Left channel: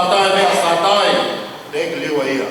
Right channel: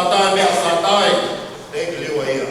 satai mea satai, le liwa ia.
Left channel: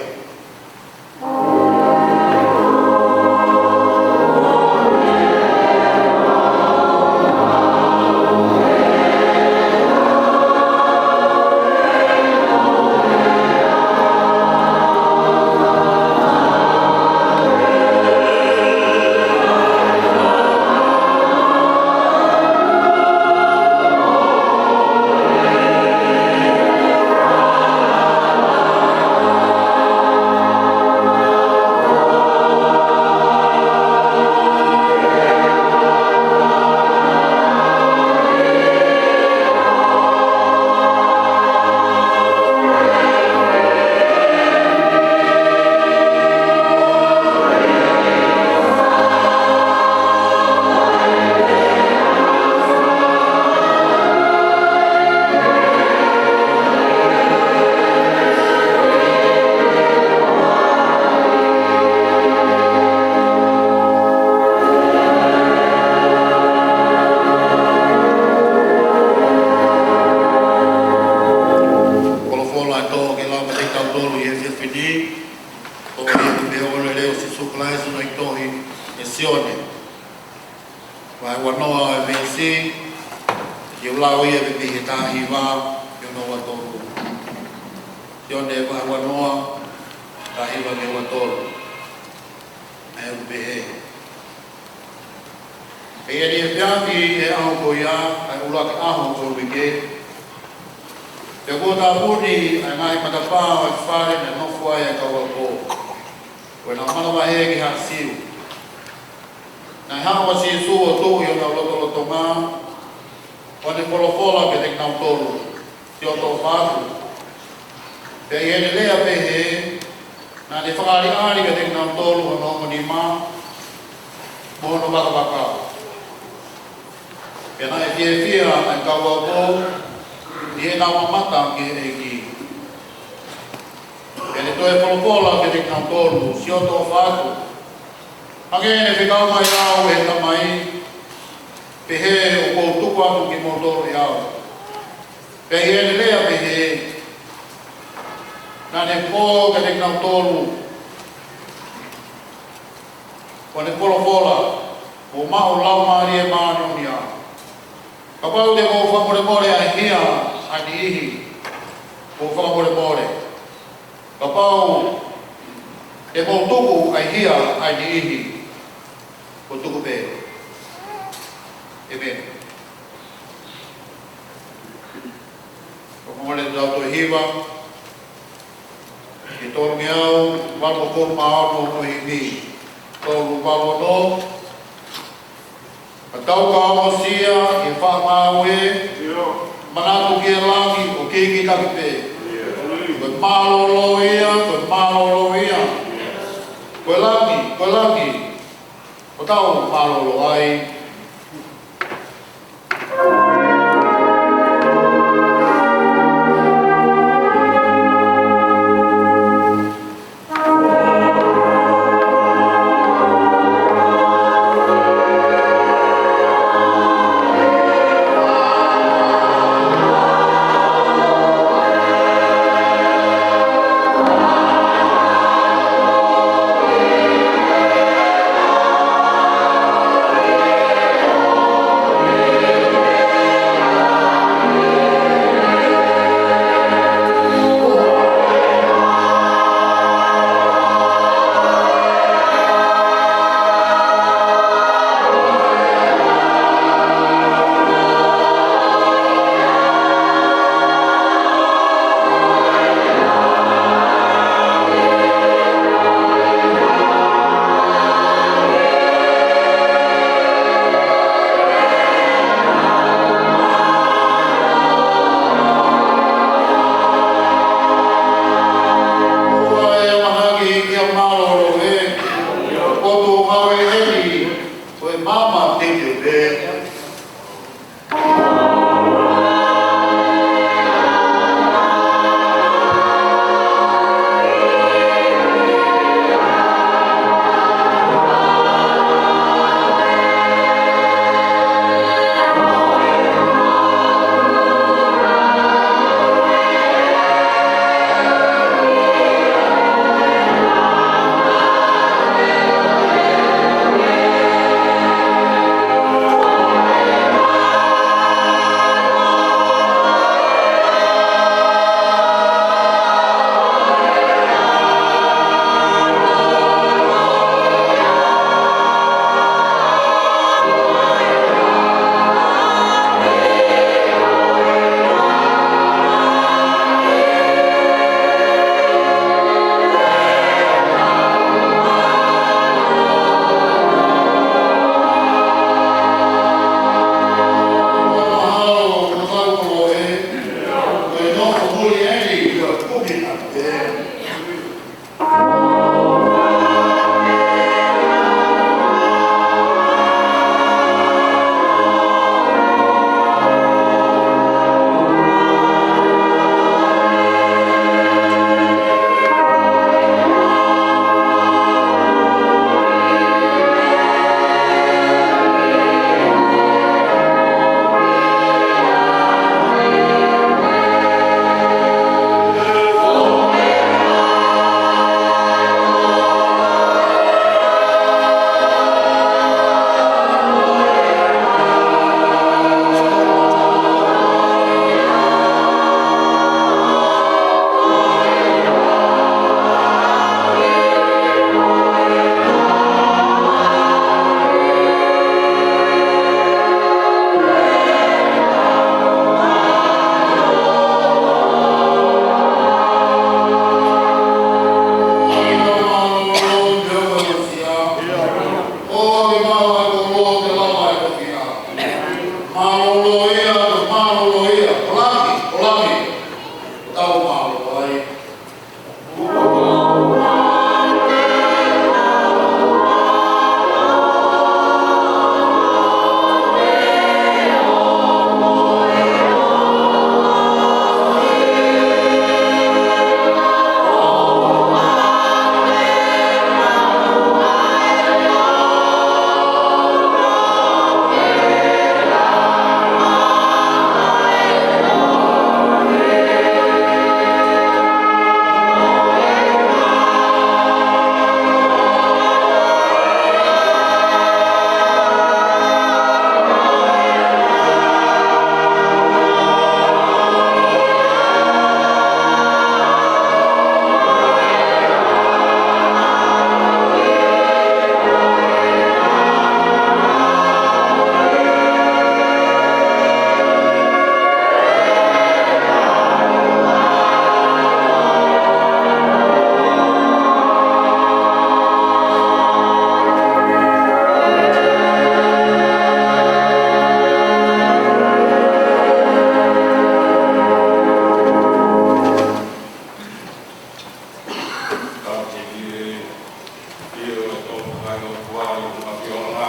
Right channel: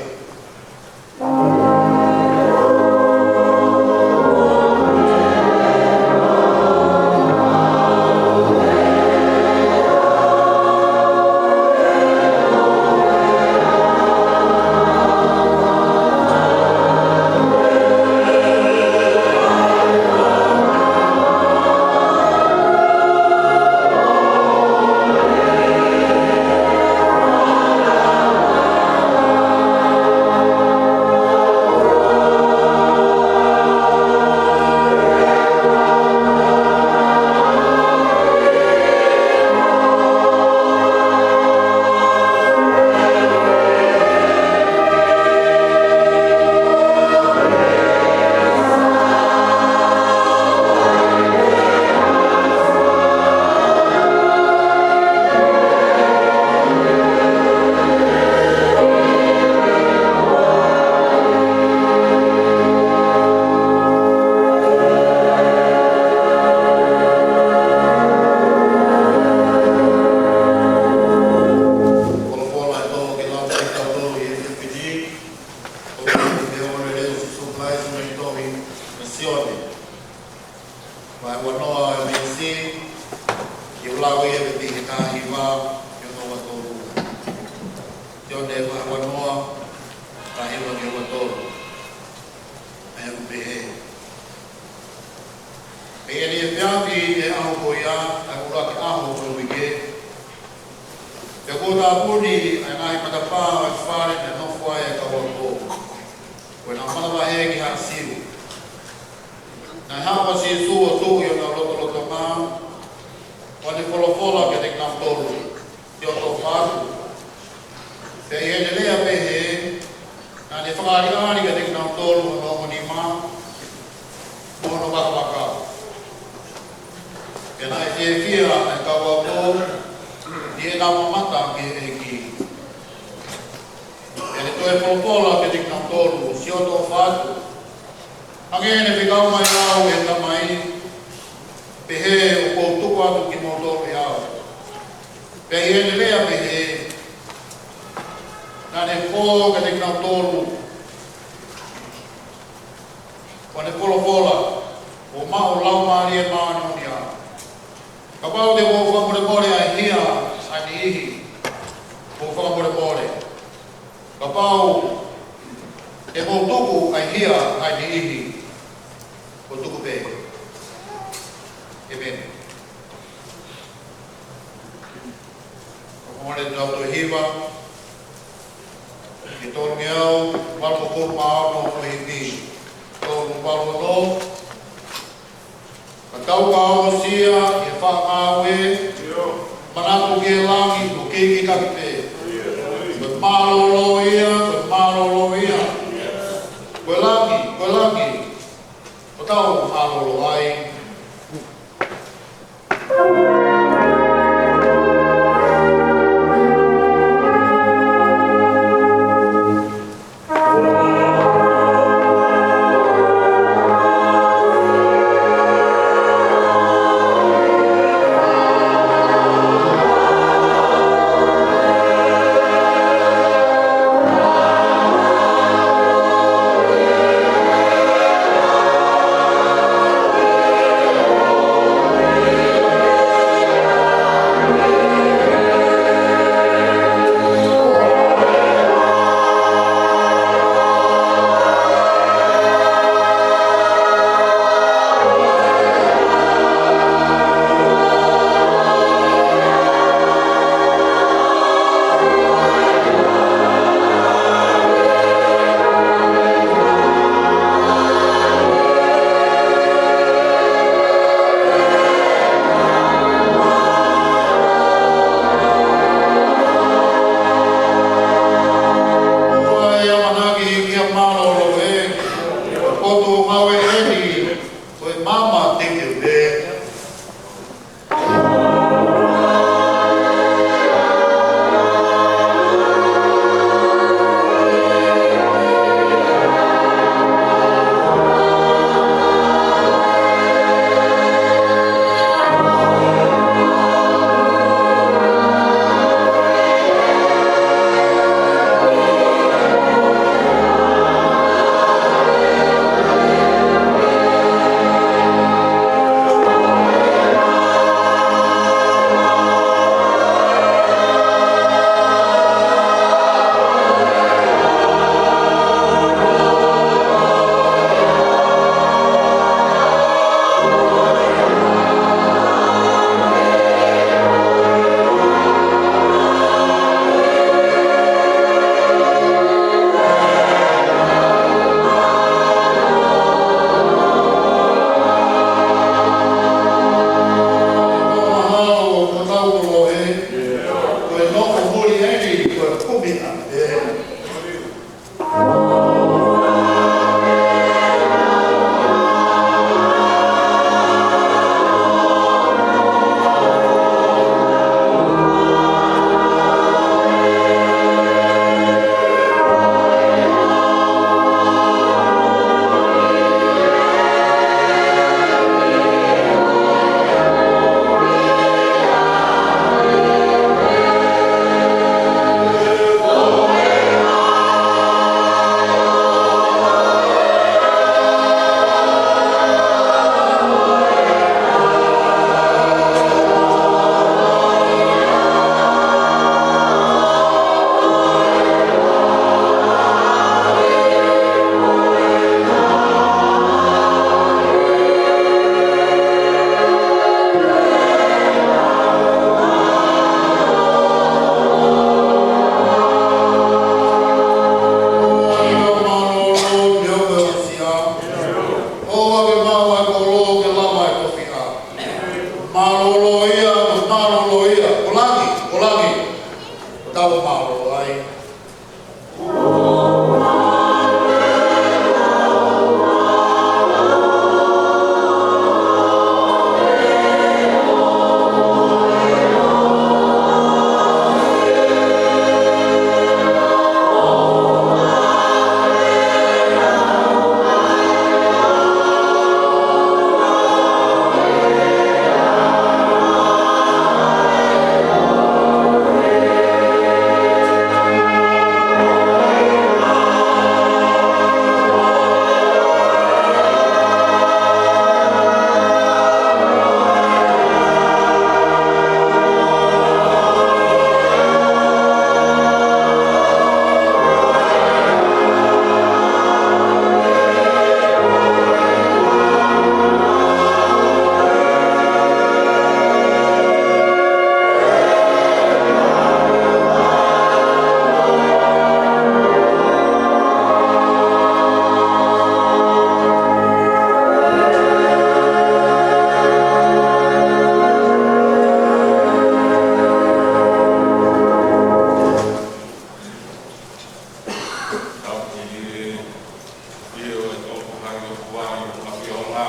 o tua i o fiona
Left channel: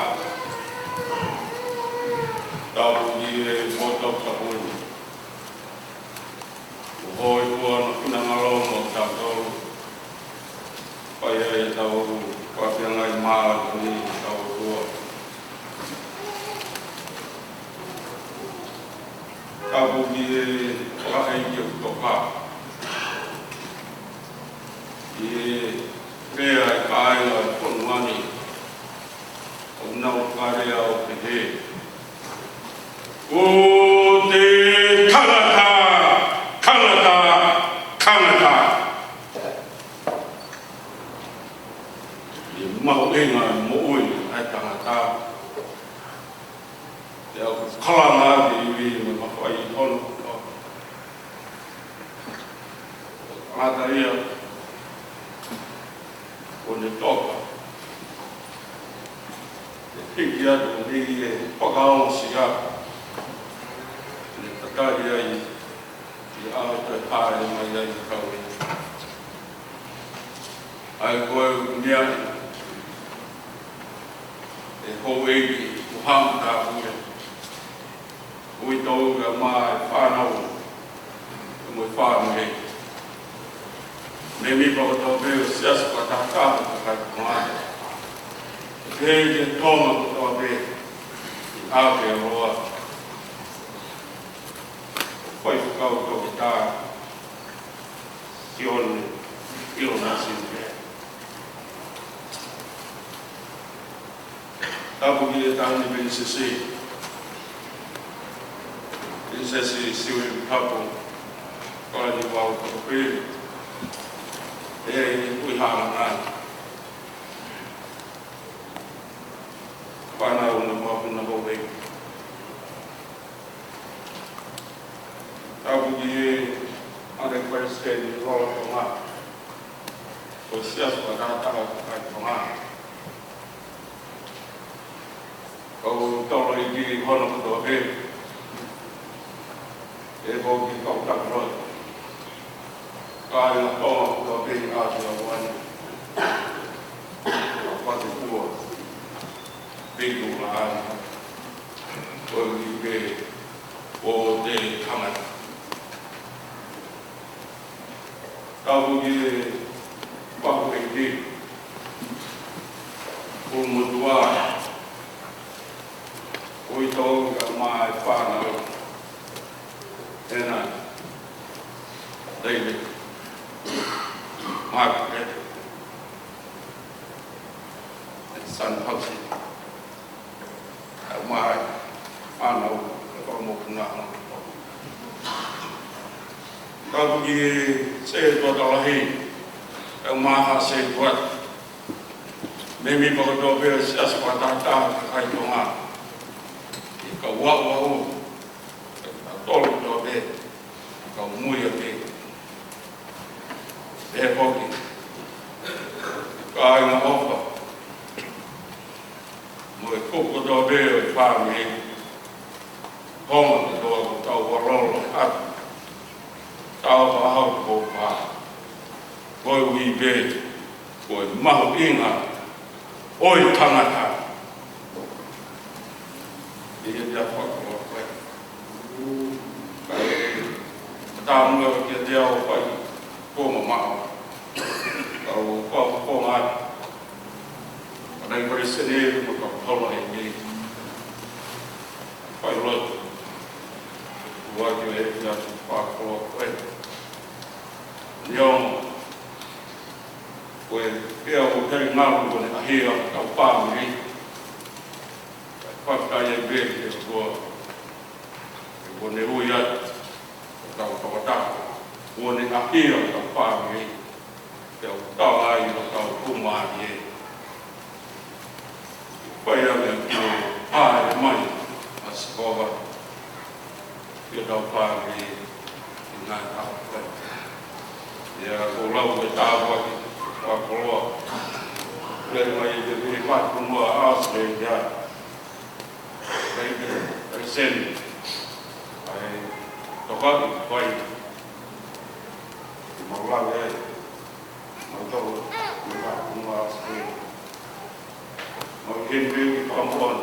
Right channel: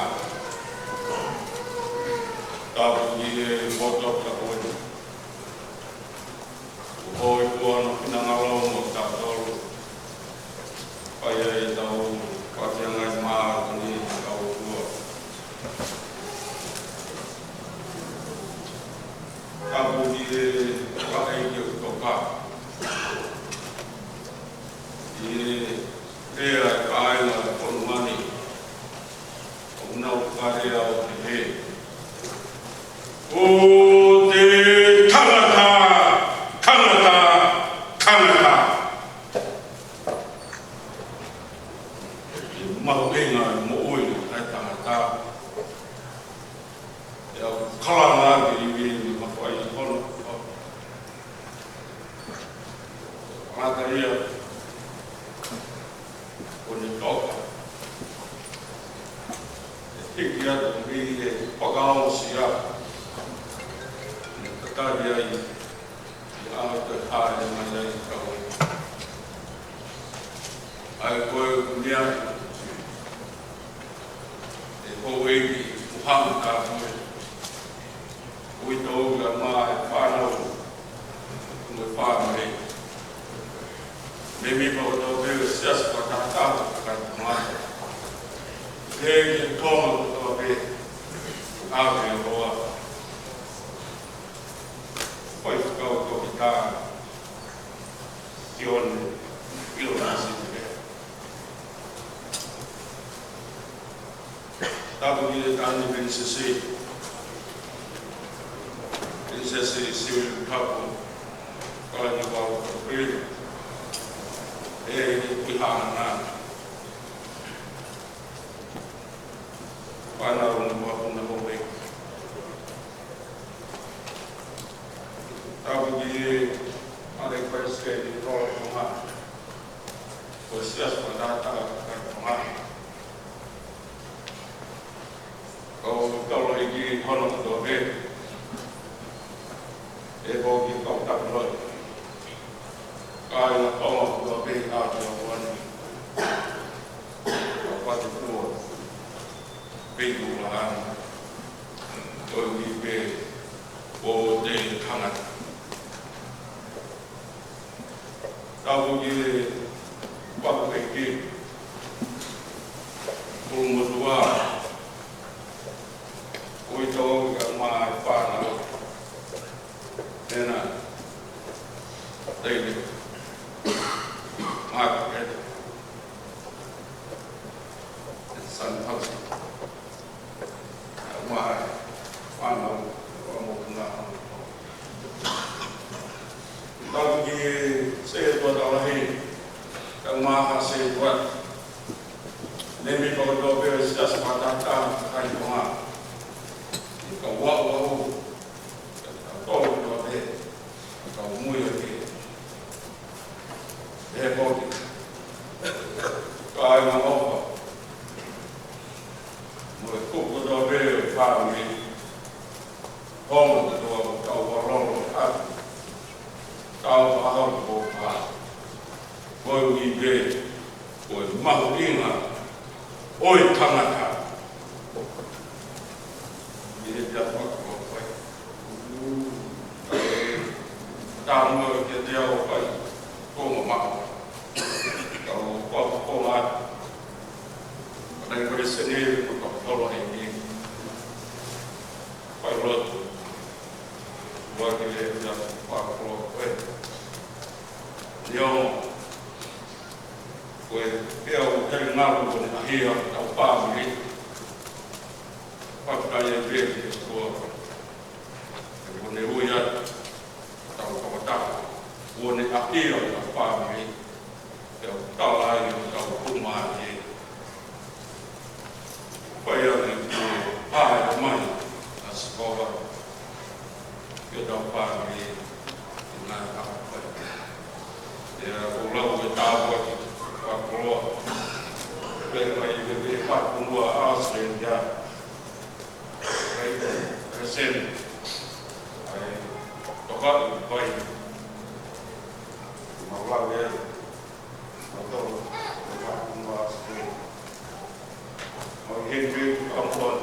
tapu di foto kapuni hoi tua no pinangalo no tau pai e tau papianga i maa ni tau tua tapu di pakai ki o toka i pea i kainga i ponuani o nau karea o te he o te tangata tangata tangata i mahu inga i mo ui ai tangata e au kalanga i vi me mahu ai i honu anga ia o ne toka e tiki atu ri e pakao siya ne takai ai i au te hae mai ai te tau ai koe unia e kou eiki uhamu ka ue ui tau ka maa e whanau ka mui whanau hei me mi pa o tau veo siasa pa tātāhu ka kai pēi te tonga o tau veo āke a roa pai whakau tau ki tā sione ilo nasi o veo tapu ki e tāni prinsesi siwe tapu kai ni wau tau pēi e ui hana whanau na wahuna hore tau ki ane koe se ni rola tonga o sias pa tata kai tonga kau tau lai ki hono kuto be e ho ki kau tak roi kai na toma ko be a te wani ko pate tua be ku lan ko ki be o te kamata tau ki papu e ki mutua oi tau ka mai whanau ena David Margaret and son Pausi mai whanau o mo kuna tau ki se to tolahi e maha se tuat me mi pa to pe se asa pa ta kai tonga ka wa wa o tolo to be ka mui a be e hoki ka na ofa mo e koko to be fa mi hon to ka wa ro a tau wa hau ko fa ko wi be ko mahu inga oi tangata dia dapat apa tamu ke dia apa ko mau ko mat pada presiden untuk tolong ini pilot buat dia jadi pak ko yang ko dia udah ngalu ko akhir kau paham ni kaya great itu bone uyat atau kota bone akhir atau pagi atau tahu atau rumah ye kaya yang ada mai sekolah kita pagi dengan apa ya pulau bertawa pulau dari mai jadi mat semua asli ya sen ai toka pai mau la de mau to ma sekali Henry Pampon,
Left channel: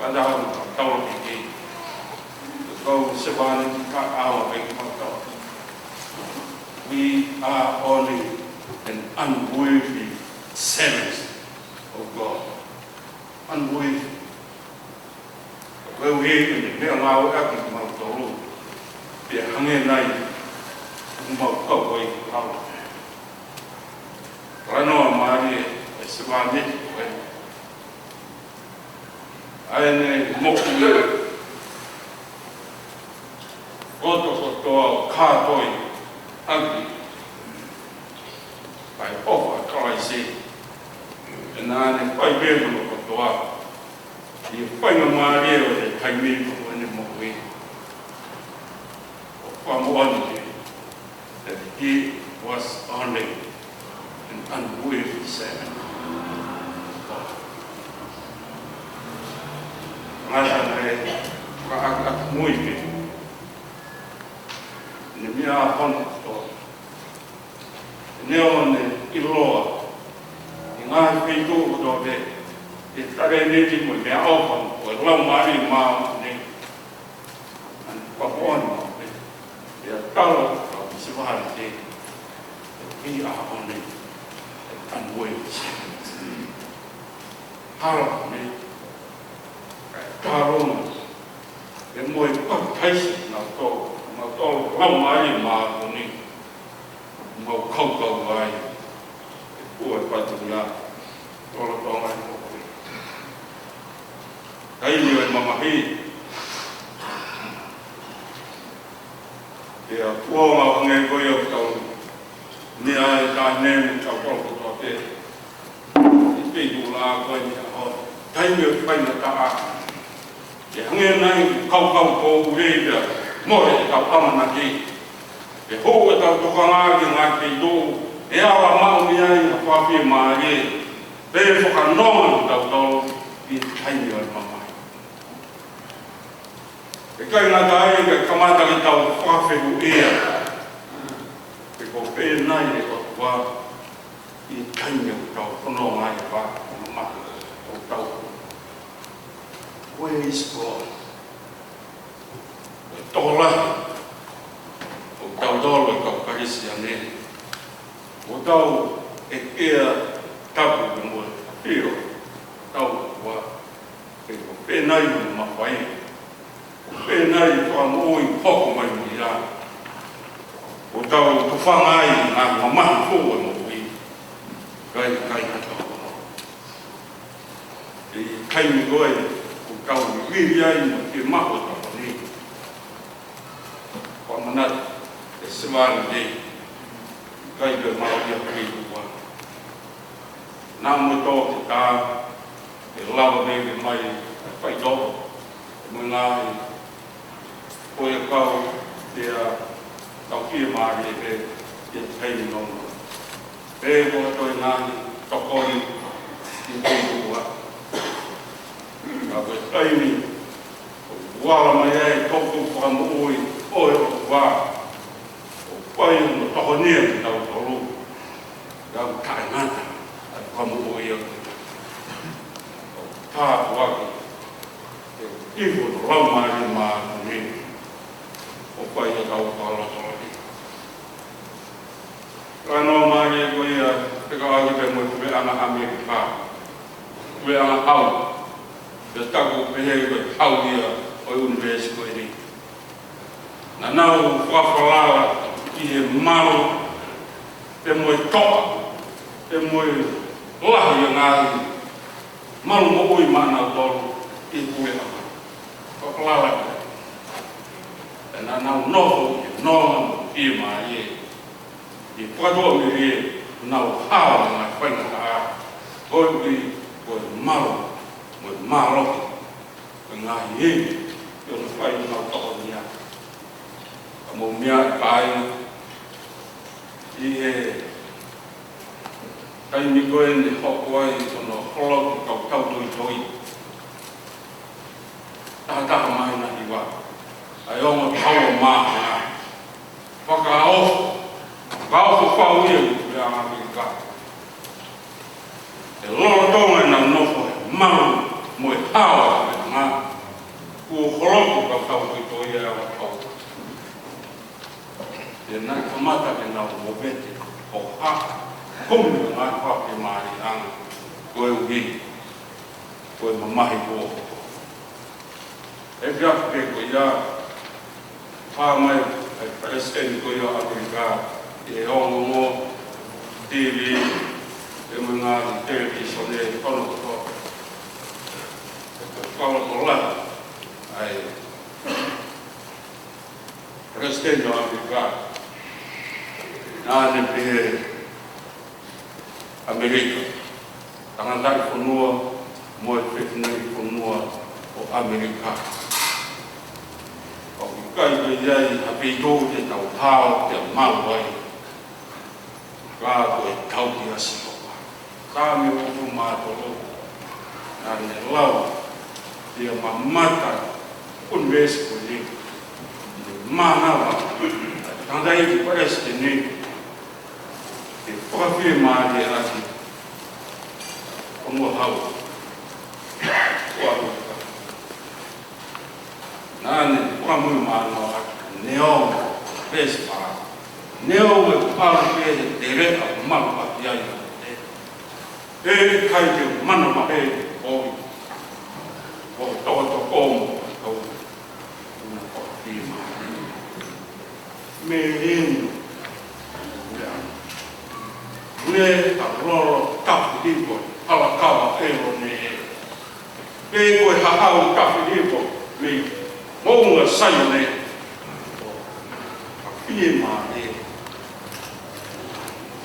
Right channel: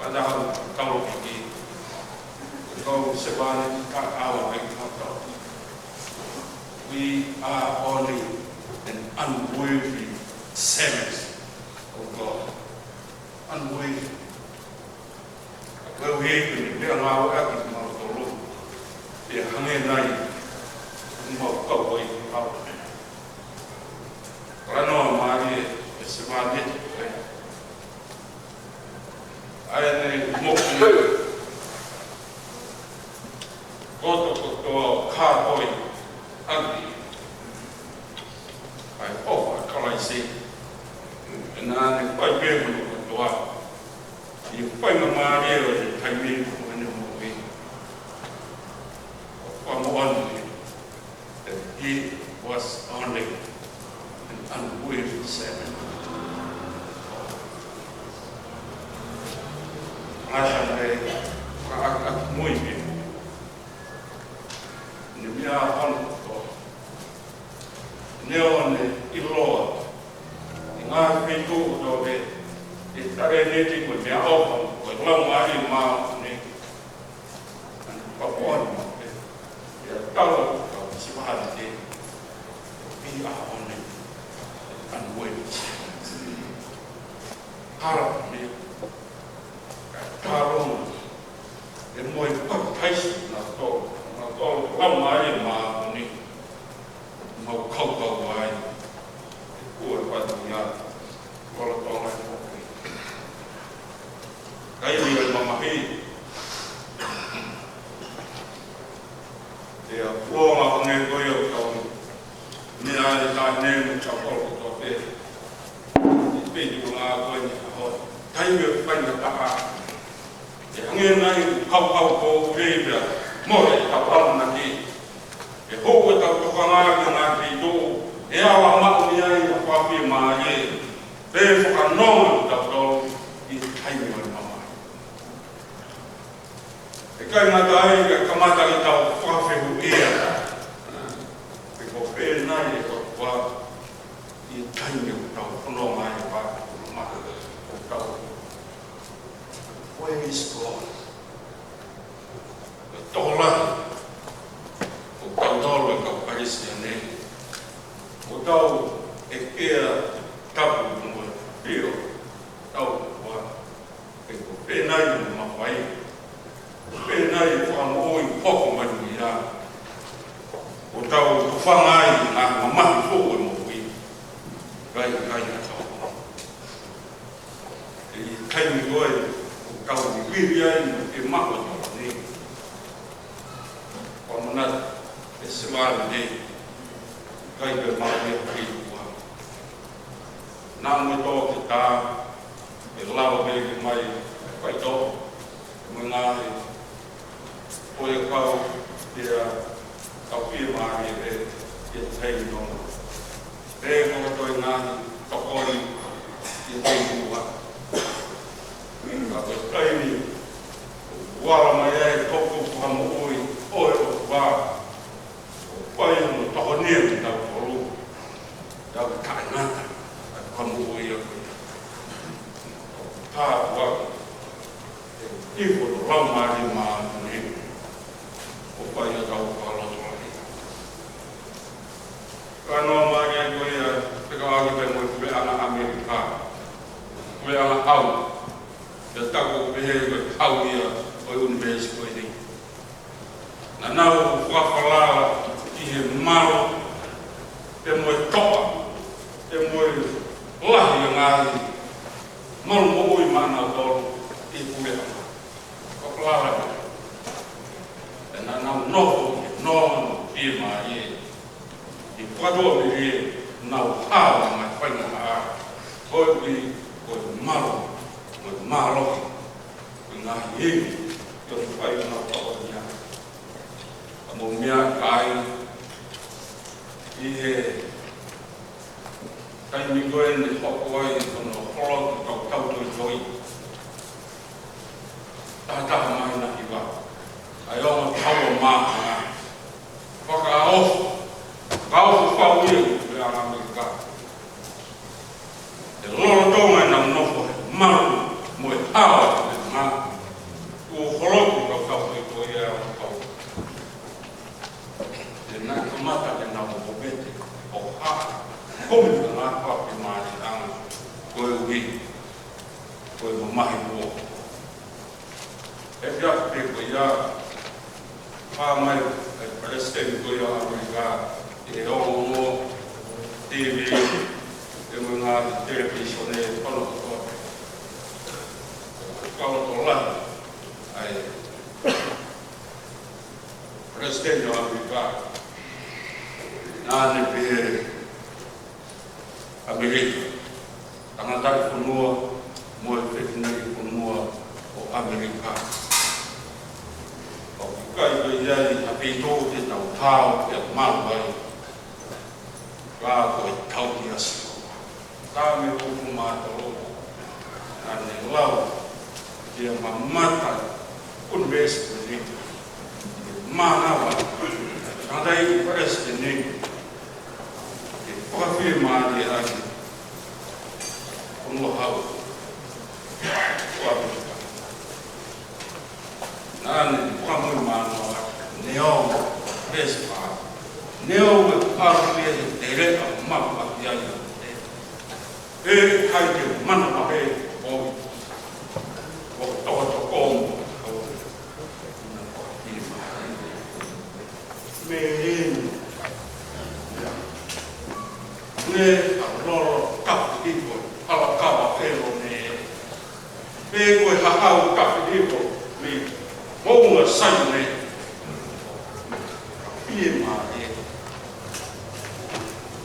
Padahal, Tawaki, go Savannah, our way. We are only an unworthy servant of God. Unworthy. Well, we even be on our acting of the Lord. Be a hanging night, more cover out. I know my Savannah. I am more to cowboy ugly. I offer Christ, and I quite able to go out. You find a Maria that I made from any more way. From one day, that he was only an unworthy servant. I muy bien. Ni mia hon to. Neon ilo. Inga frito do be. Itare ne ti mo me ofon. Ko lau mari ma ni. An papon mo. Ya talo si wa de. We are only unworthy. How me Karung, and more patient now to how my mark more cocoa wine, or what we are, all upon my way. I knew it, Mamma He. They are warm up on the way of town. Near I name of all of it. These people are going to hold. Time you find the car. Hanging night, cow, reader, more than Kapanaki. The whole without Tokanga and Akido, Ella Mamia, a Papi Marie, they for a normal dog in tiny Mamma. The kind of dying a commander without Papi ear. Because very night of work in tiny dog, no, my father, dog. Where is God? Dollar. Dollarกับปาริสยานีโดาเอกเอตับมวยเดียวโดาว่าเป็นนายมาไว้เป็นนายความโอ้ยพ่อของมันมีละโดาผู้ฟังง่ายงานของมันผู้หมวยใครกระจอกใครมีด้วยเก่าวิญญาณที่มากกว่านี้ความนั้นสวรรค์ดีใครเกิดมาเรียกพี่ว่าน้ำมันโตติดตาเราไม่ไม่ไปโตเมื่อไงพวกเขาเดี๋ยวเขาพี่มาเรียกจะใช้น้องเรื่องของตัวงานตะโกนที่ตัวว่าก็ไอ้นี่ว่าไม่ได้ทบทวนความโอ้ยว่าไปต่อเนื่องเรารู้เราถ่ายหน้าความโอ้ยถ้าว่าที่คนเรามานี่ไปเราพอเราตัวนี้การเรามาเนี่ยก็ยังเป็นการที่เป็นมวยเป็นอาณาอเมริกาเป็นอาณาเอาจะตั้งเป็นเอาเนี่ยไปuniversitas ini. Nah, now fala ia mau temoi toa, temoi lah yang ngai, mau moi mana tolu ibu ya, fala lah. Dan now no firma ini, di padu ini now hal nak pengen kau di kau malu, ngai ini. Yon fai no tonia amomia kai ihe kai mi goen ni hokoi sono kolok kau tau toi ta mai na iwa ayo mo tau ma na fakao kau fau ye ya Amerika el lo to na no foi mal Kung nga pa kimari ang koe uwi, koe mamahi po. E fiak pe ko ia, pāmai ai presidente ko ia Amerika, e ongo mo TV, e mga television e kono ko. Kono ko la, ai presidente ko Amerika, nāne pe Amerika, tangantai whanua, moe whethinai whanua o Amerika. O ki kai ka iai hapi tō te tau hao te mawai, kā koe tau ki asi o. Kā me upu mātoro, nāne lau, tia mamata, un mesi koe ni, mānawa, tangantai ki paresi ni, whakawhi māti ati o mua hau o Amerika. Nāne whakamui mānoa ati neo pēsi pā. Neo e pāru pēsi te rea maru ati ai. E kai te mana mahe oi. O tōto kōmu hau. Nā whakawhi māti. Me enu. Me a roro kapi ipo, hala kawa ero ne e. Me koe hahau kapi ipo, me mounga sayo ne. Ka pie maa e.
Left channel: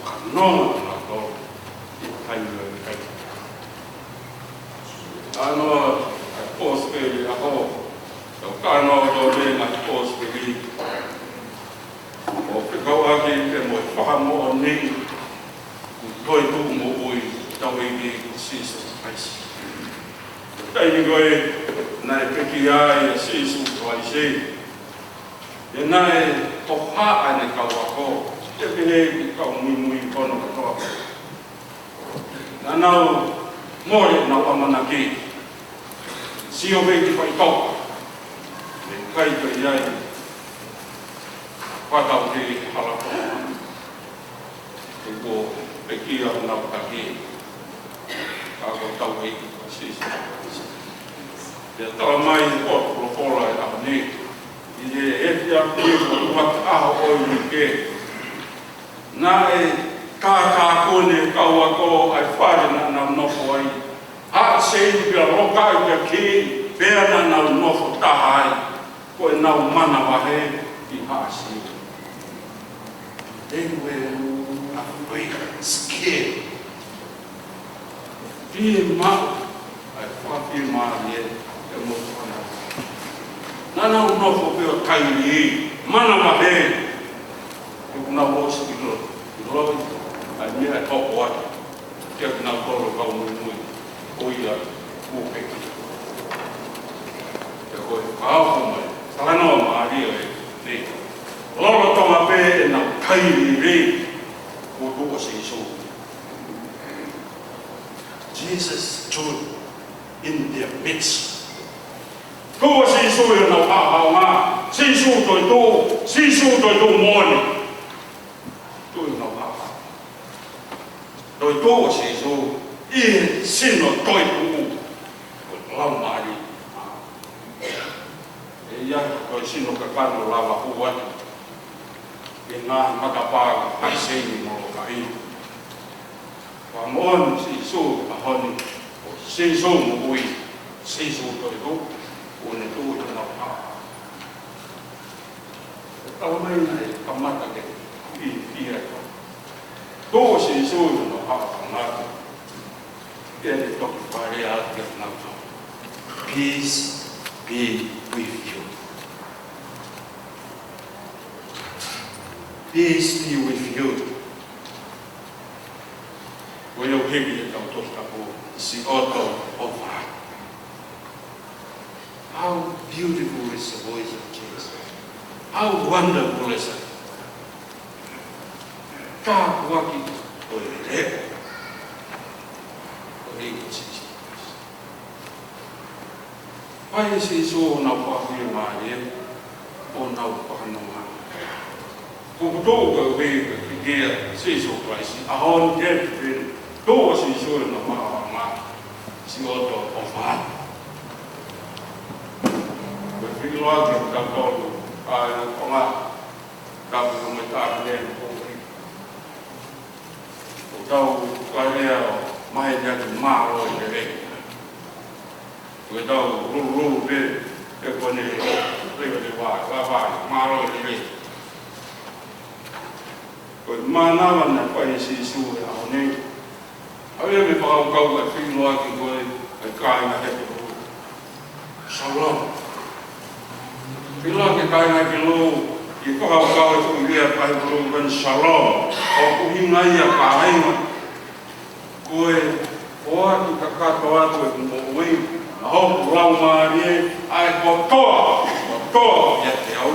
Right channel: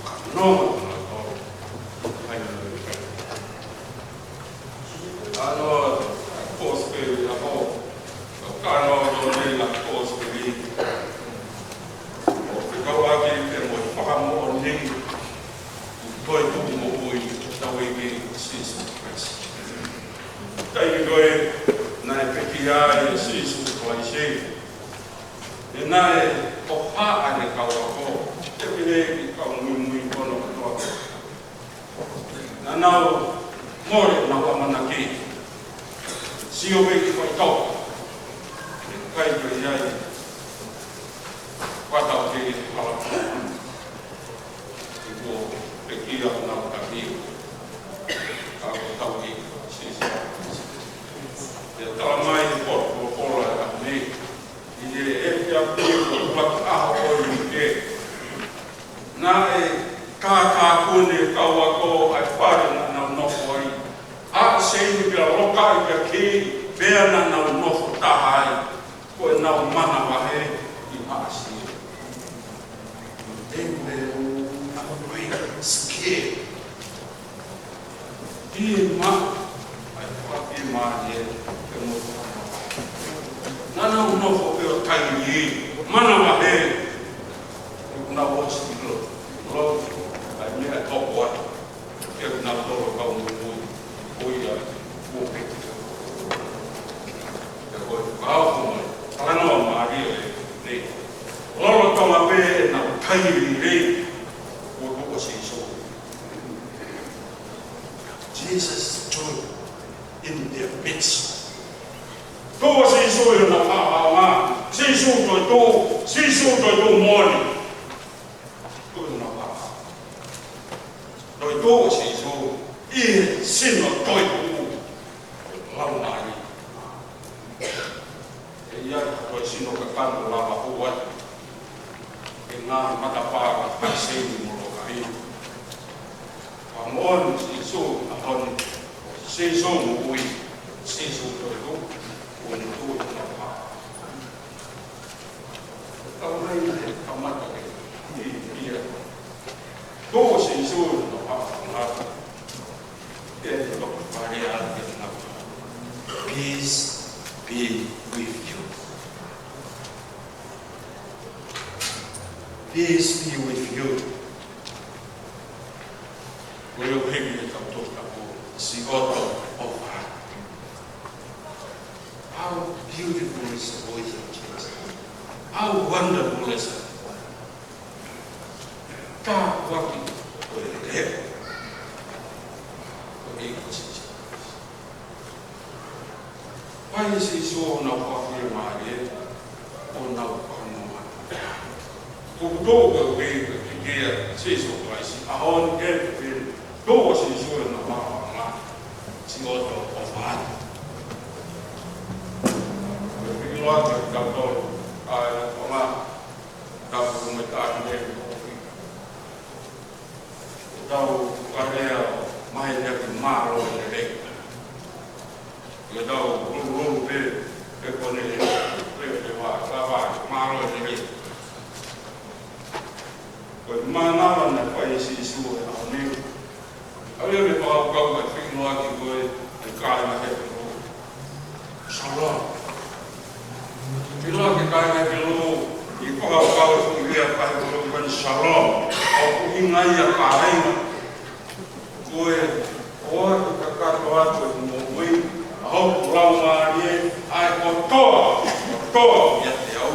Ka noma tuna tō, e kai ngoi kai. Ano, ai pōsperi a ho, tau kāno tō re ngā pōsperi. O whikauaki e moi whakamo o nei, Koi tu mo ui tau e me sisu kaisi. Kai ni koe na e peki ai e sisu kaisi. E na e toha ane kauako. Te pehe ki kau mui kono katoa. Na nau more nau amanaki. Sio peki whai tau. E kai koe iai. Whatau te halakona. E ko pe kia ngā putaki, kako tau hei, sisi. Ia tala mai i kōtoro kōra e ahoni, i ne etia pēko uak aho oi i ke. Nā e kā kone kaua kō ai whare nā nau nofo ai. Hā se inu pia roka i a ki, pēa nā nau nofo taha ai, koe nau mana wahe i haasi. They were afraid, scared. Pie ma, ai whakapie ma e, e mo whakana. Nana unofo peo kaini e, mana wahe, e kuna wosi ki lo. Roi, ai mea e toko ai, kia kina toro kau mui, oia, uopeki. E koe whakao mai, tānoa maari e, ne. Lolo tonga pē e nā kaini rei, o kuko se iso. Jesus stood in their midst. Kuko se iso i nā whāpau mā, se iso toi tō, se iso toi tō mōni. Kui nā whāpau. Toi tō se iso, i sino toi kuku, lau māri. E ia toi sino ka kano lawa huat. E ngā matapāga haisei moro ka ino. Wa mōnu se iso a honi, o se iso mo ui, se iso toi ho, o ne tō i nā pāha. Tau mai e kamata ke i pia ko. Tō se iso i nā pāha ngā, e te toki whare a te ngā tau. Peace be with you. Peace be with you. Koe au hegi e tau tosta po, si oto o wha. How beautiful is the voice of Jesus. How wonderful is it. Ka waki koe re. Koe hegi si Jesus. Pai si so nau whakuia mai e, o nau whakanonga. Ko tō ka uwe dia sisu paisi ahon ke pin do sisu no ma si oto ofan pin lo ke ka to na koma ka ko me ta ne tau kalea mai ya ki ma lo ne le ko tau ru pe e ko ne le ba ma lo ne le ko mana na fa isi su ya ne ai me pa ka ka fi lo ki ko e ka na he ko shalom fi lo ki ka na ki lo i pa ka su lia pa ko ben shalom o ku hinga ya pa ai no ko e o ki ka to atu e mo we a ho ra ma ri ai ko to ya te au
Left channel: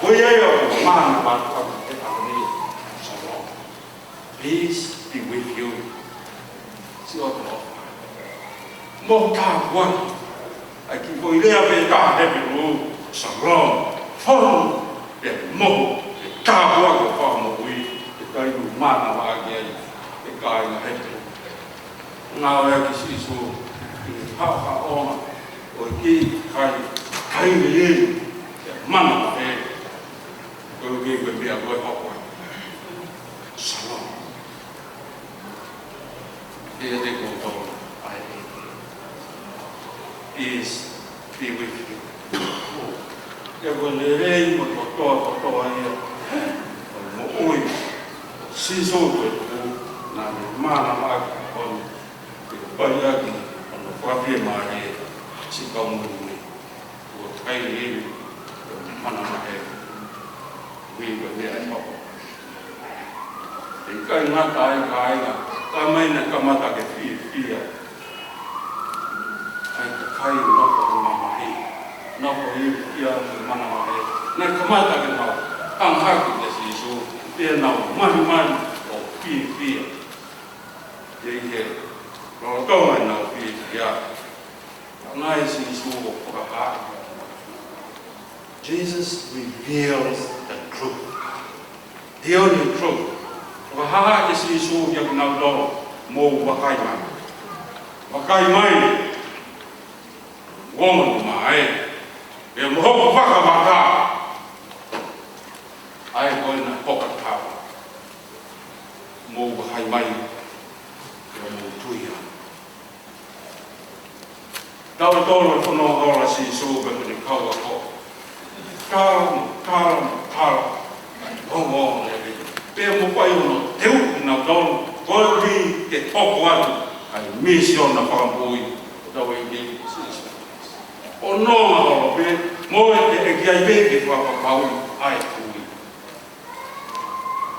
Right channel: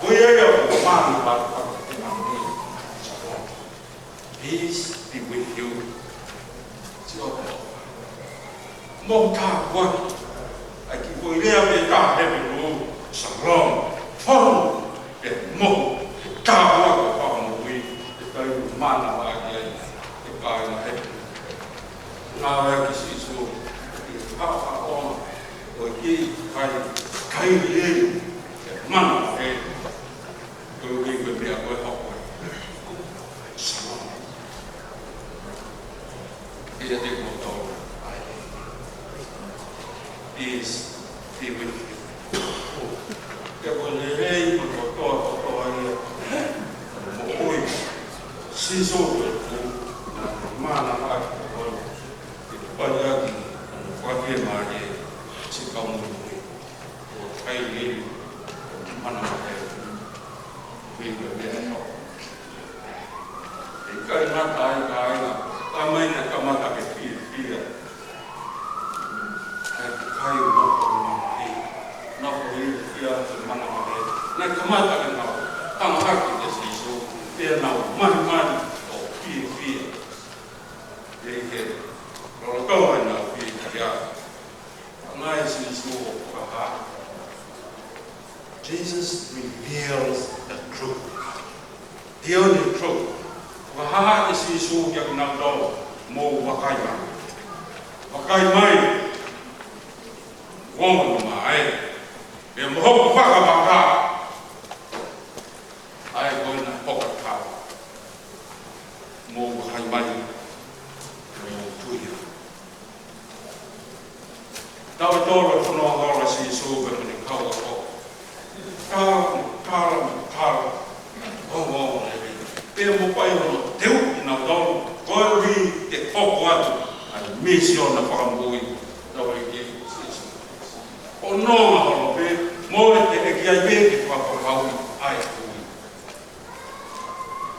ko ye ya ma na pa ka peace be with you. Si o to. Mo ta wa. Ai ki voi le ave ta he be lu. Shalom. Fon. E mo. Ta wa ko fa mo wi. E tai ma na wa ge. E kai na he. Na ya ki si su. Ha o. O ki kai le. E ma na he. Ko ge ko be a ko ha ko. Shalom. Dia de control. Peace be with you. Eu vou ler o doutor aí. O oi. Se jogo na mana vai com o banhado no fábrica mare se como o kai ele mana é bem bem é e kai mata ai kamai na kamata ke fia ai kai no ko mamahi no ko fia mana mahe na kamata ke no ang haki ke sisu te na mani o fia ye lo to na fia ya ngai sisu ko ha Jesus reveals the truth, the only truth. Wahaha isi isu yang naldo mo wakai mai woman mai e mo baka ai on pokat ka mo wakai mai mo tuya daw tolo fono hola si isu ga ni kau ko kal oh pe mo pai no teu na don volri ke topo atu ai mission na pakampoi da we ke o no ma ho pe mo e ke ai be ke pa pau ai kui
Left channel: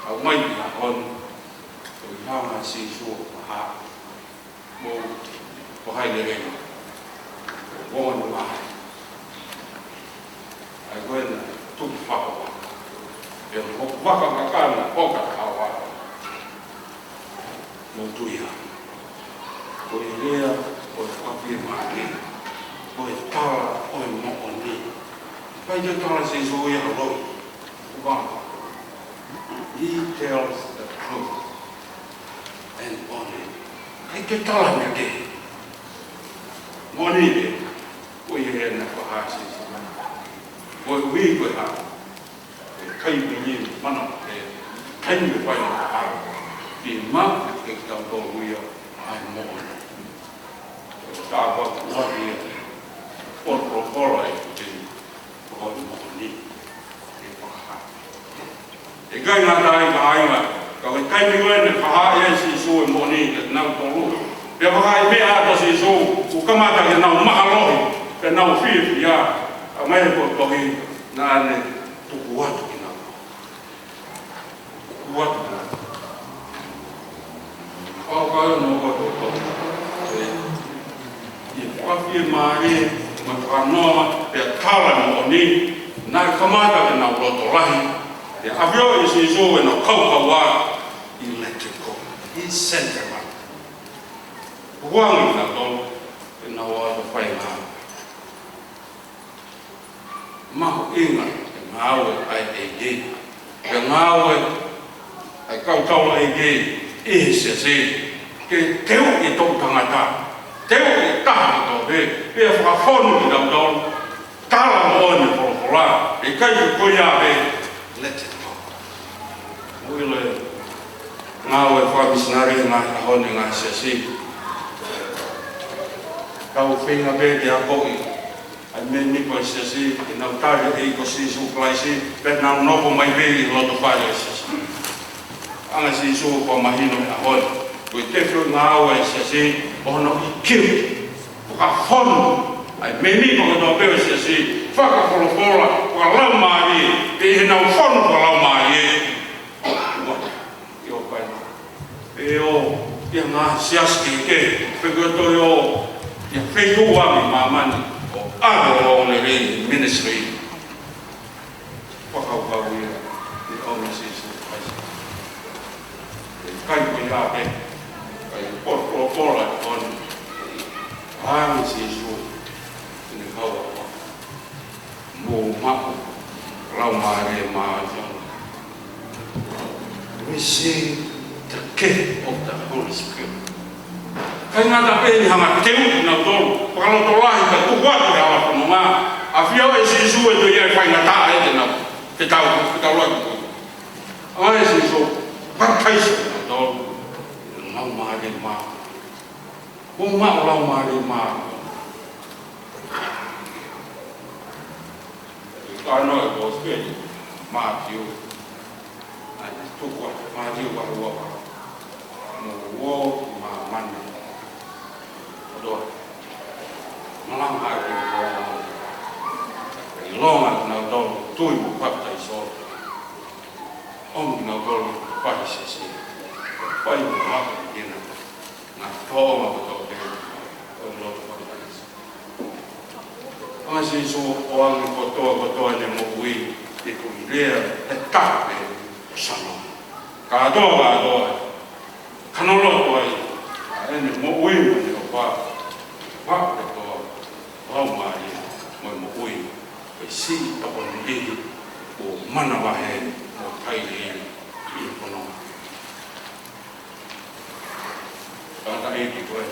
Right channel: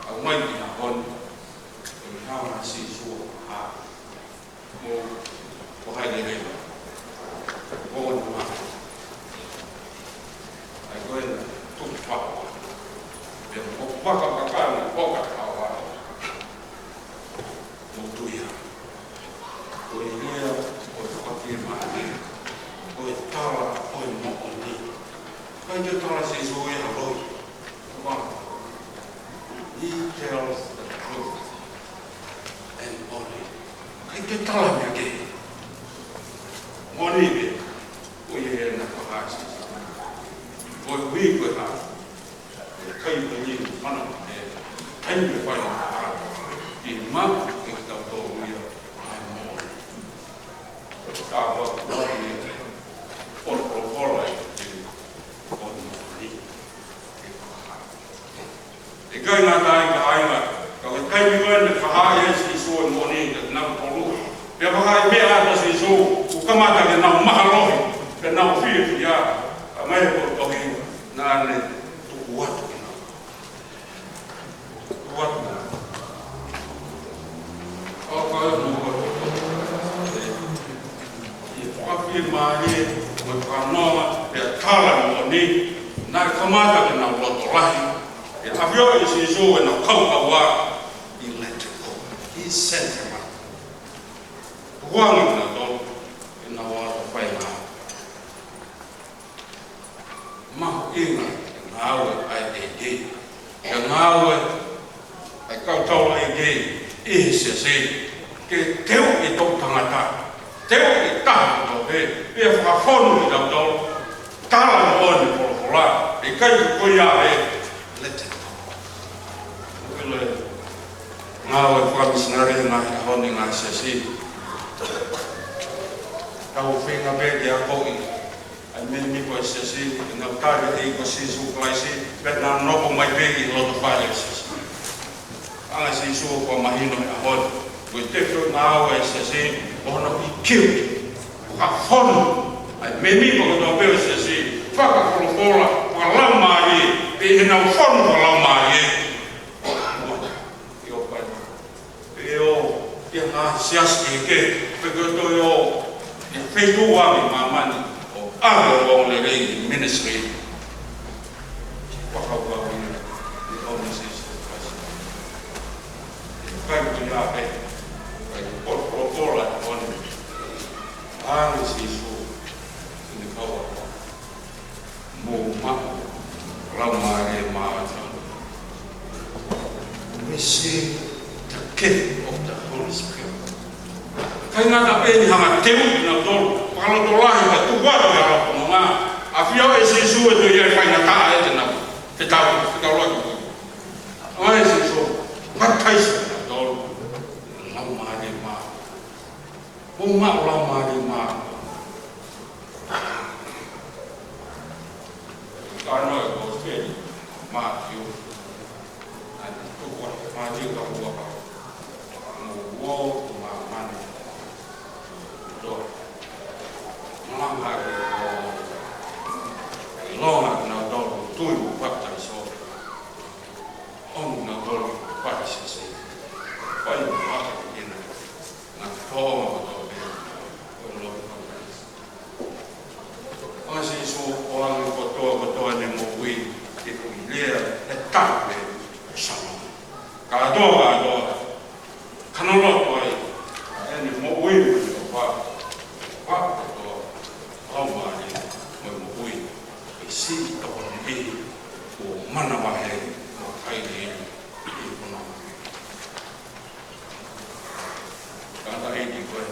au mai na kon o ya ma si so ha mo ko hai le re mo no ma ai ko na tu pa e o waka makana poka kawa mo tuia o ilea o confirma o tala o mo oni vai de tala se zo ya ro wa he tells the truth and only kai ke tala me ke moni de o ye na ko ha si o wi ko ha kai ni mana te kai ni fai na di ma ke tau to ria ai mo ta ba wa ni o pro ai te o mo ni e pa ha e kai na dai ka ai ma ka kai ni wen fa ha e si so mo ni de na to lu pe ba ai me a to si so u ka ma ta na ma ha lo pe na fi ya mai ko to ni na ne tu wa what all no e confirmare mo pranoma pe kala mo ni na kamata ke na roto rahi e avio e si so e na kaukawa electrical is sentiment wangi na don e na wa to fai na ma inga ngawe ai e ngawe ai kau tau e ge se ke teu i tō tangata teu i taha tō pe whakawhonu i tau tau tala no o ni polopola e kai i koia le te tō uile ngā oe whamisinare ngā honi ngā se tau whinga pe te a koki ai me nipo i se i nau tāre e ko sisu klaisi pe nau nopo mai pe i loto whare se anga sisu ko mahino e a honi koe te kio ngā oe se ono i kiu whakawhonu ai me nipo kato pe o se whakakolokola whakalau maa e e nau whonu whakalau maa e o ia ngā siaske ke whakato e o ia whetu wami mamani o ave o ne rei ministry whakaukau ia e o ne sisu kaisi e kai ki a pe kai poto kola e honi ame sisu ne kaua mō maku lau maare maa me se ta ke o ta Holy Spirit. Kai ngā ta pēni hanga teu na tolu, pakalo tolahi ka tuwatu ke ala pono ngā, a whio e se isu e tu iai whai ngā taa e te nau, te tau laku kutu. A e se isu, pakaisi na tolu, lau maare maa. O maa lau maare maa. Ka no e ko spēni, maa tiu, ane tukwa, maa tiu pa hua pa. Wo ma mani do malang hari longa na do tui bu pata iso na do pa se pai ma ina na to ma do be lo pa se so o ang ko to ne mo ui e pu le e ta be sama ka do kanolo toi ene mo ui mo te pa to au mai mo ui e si to ni o mana wa he mo kai ni i kono kanta e ki koe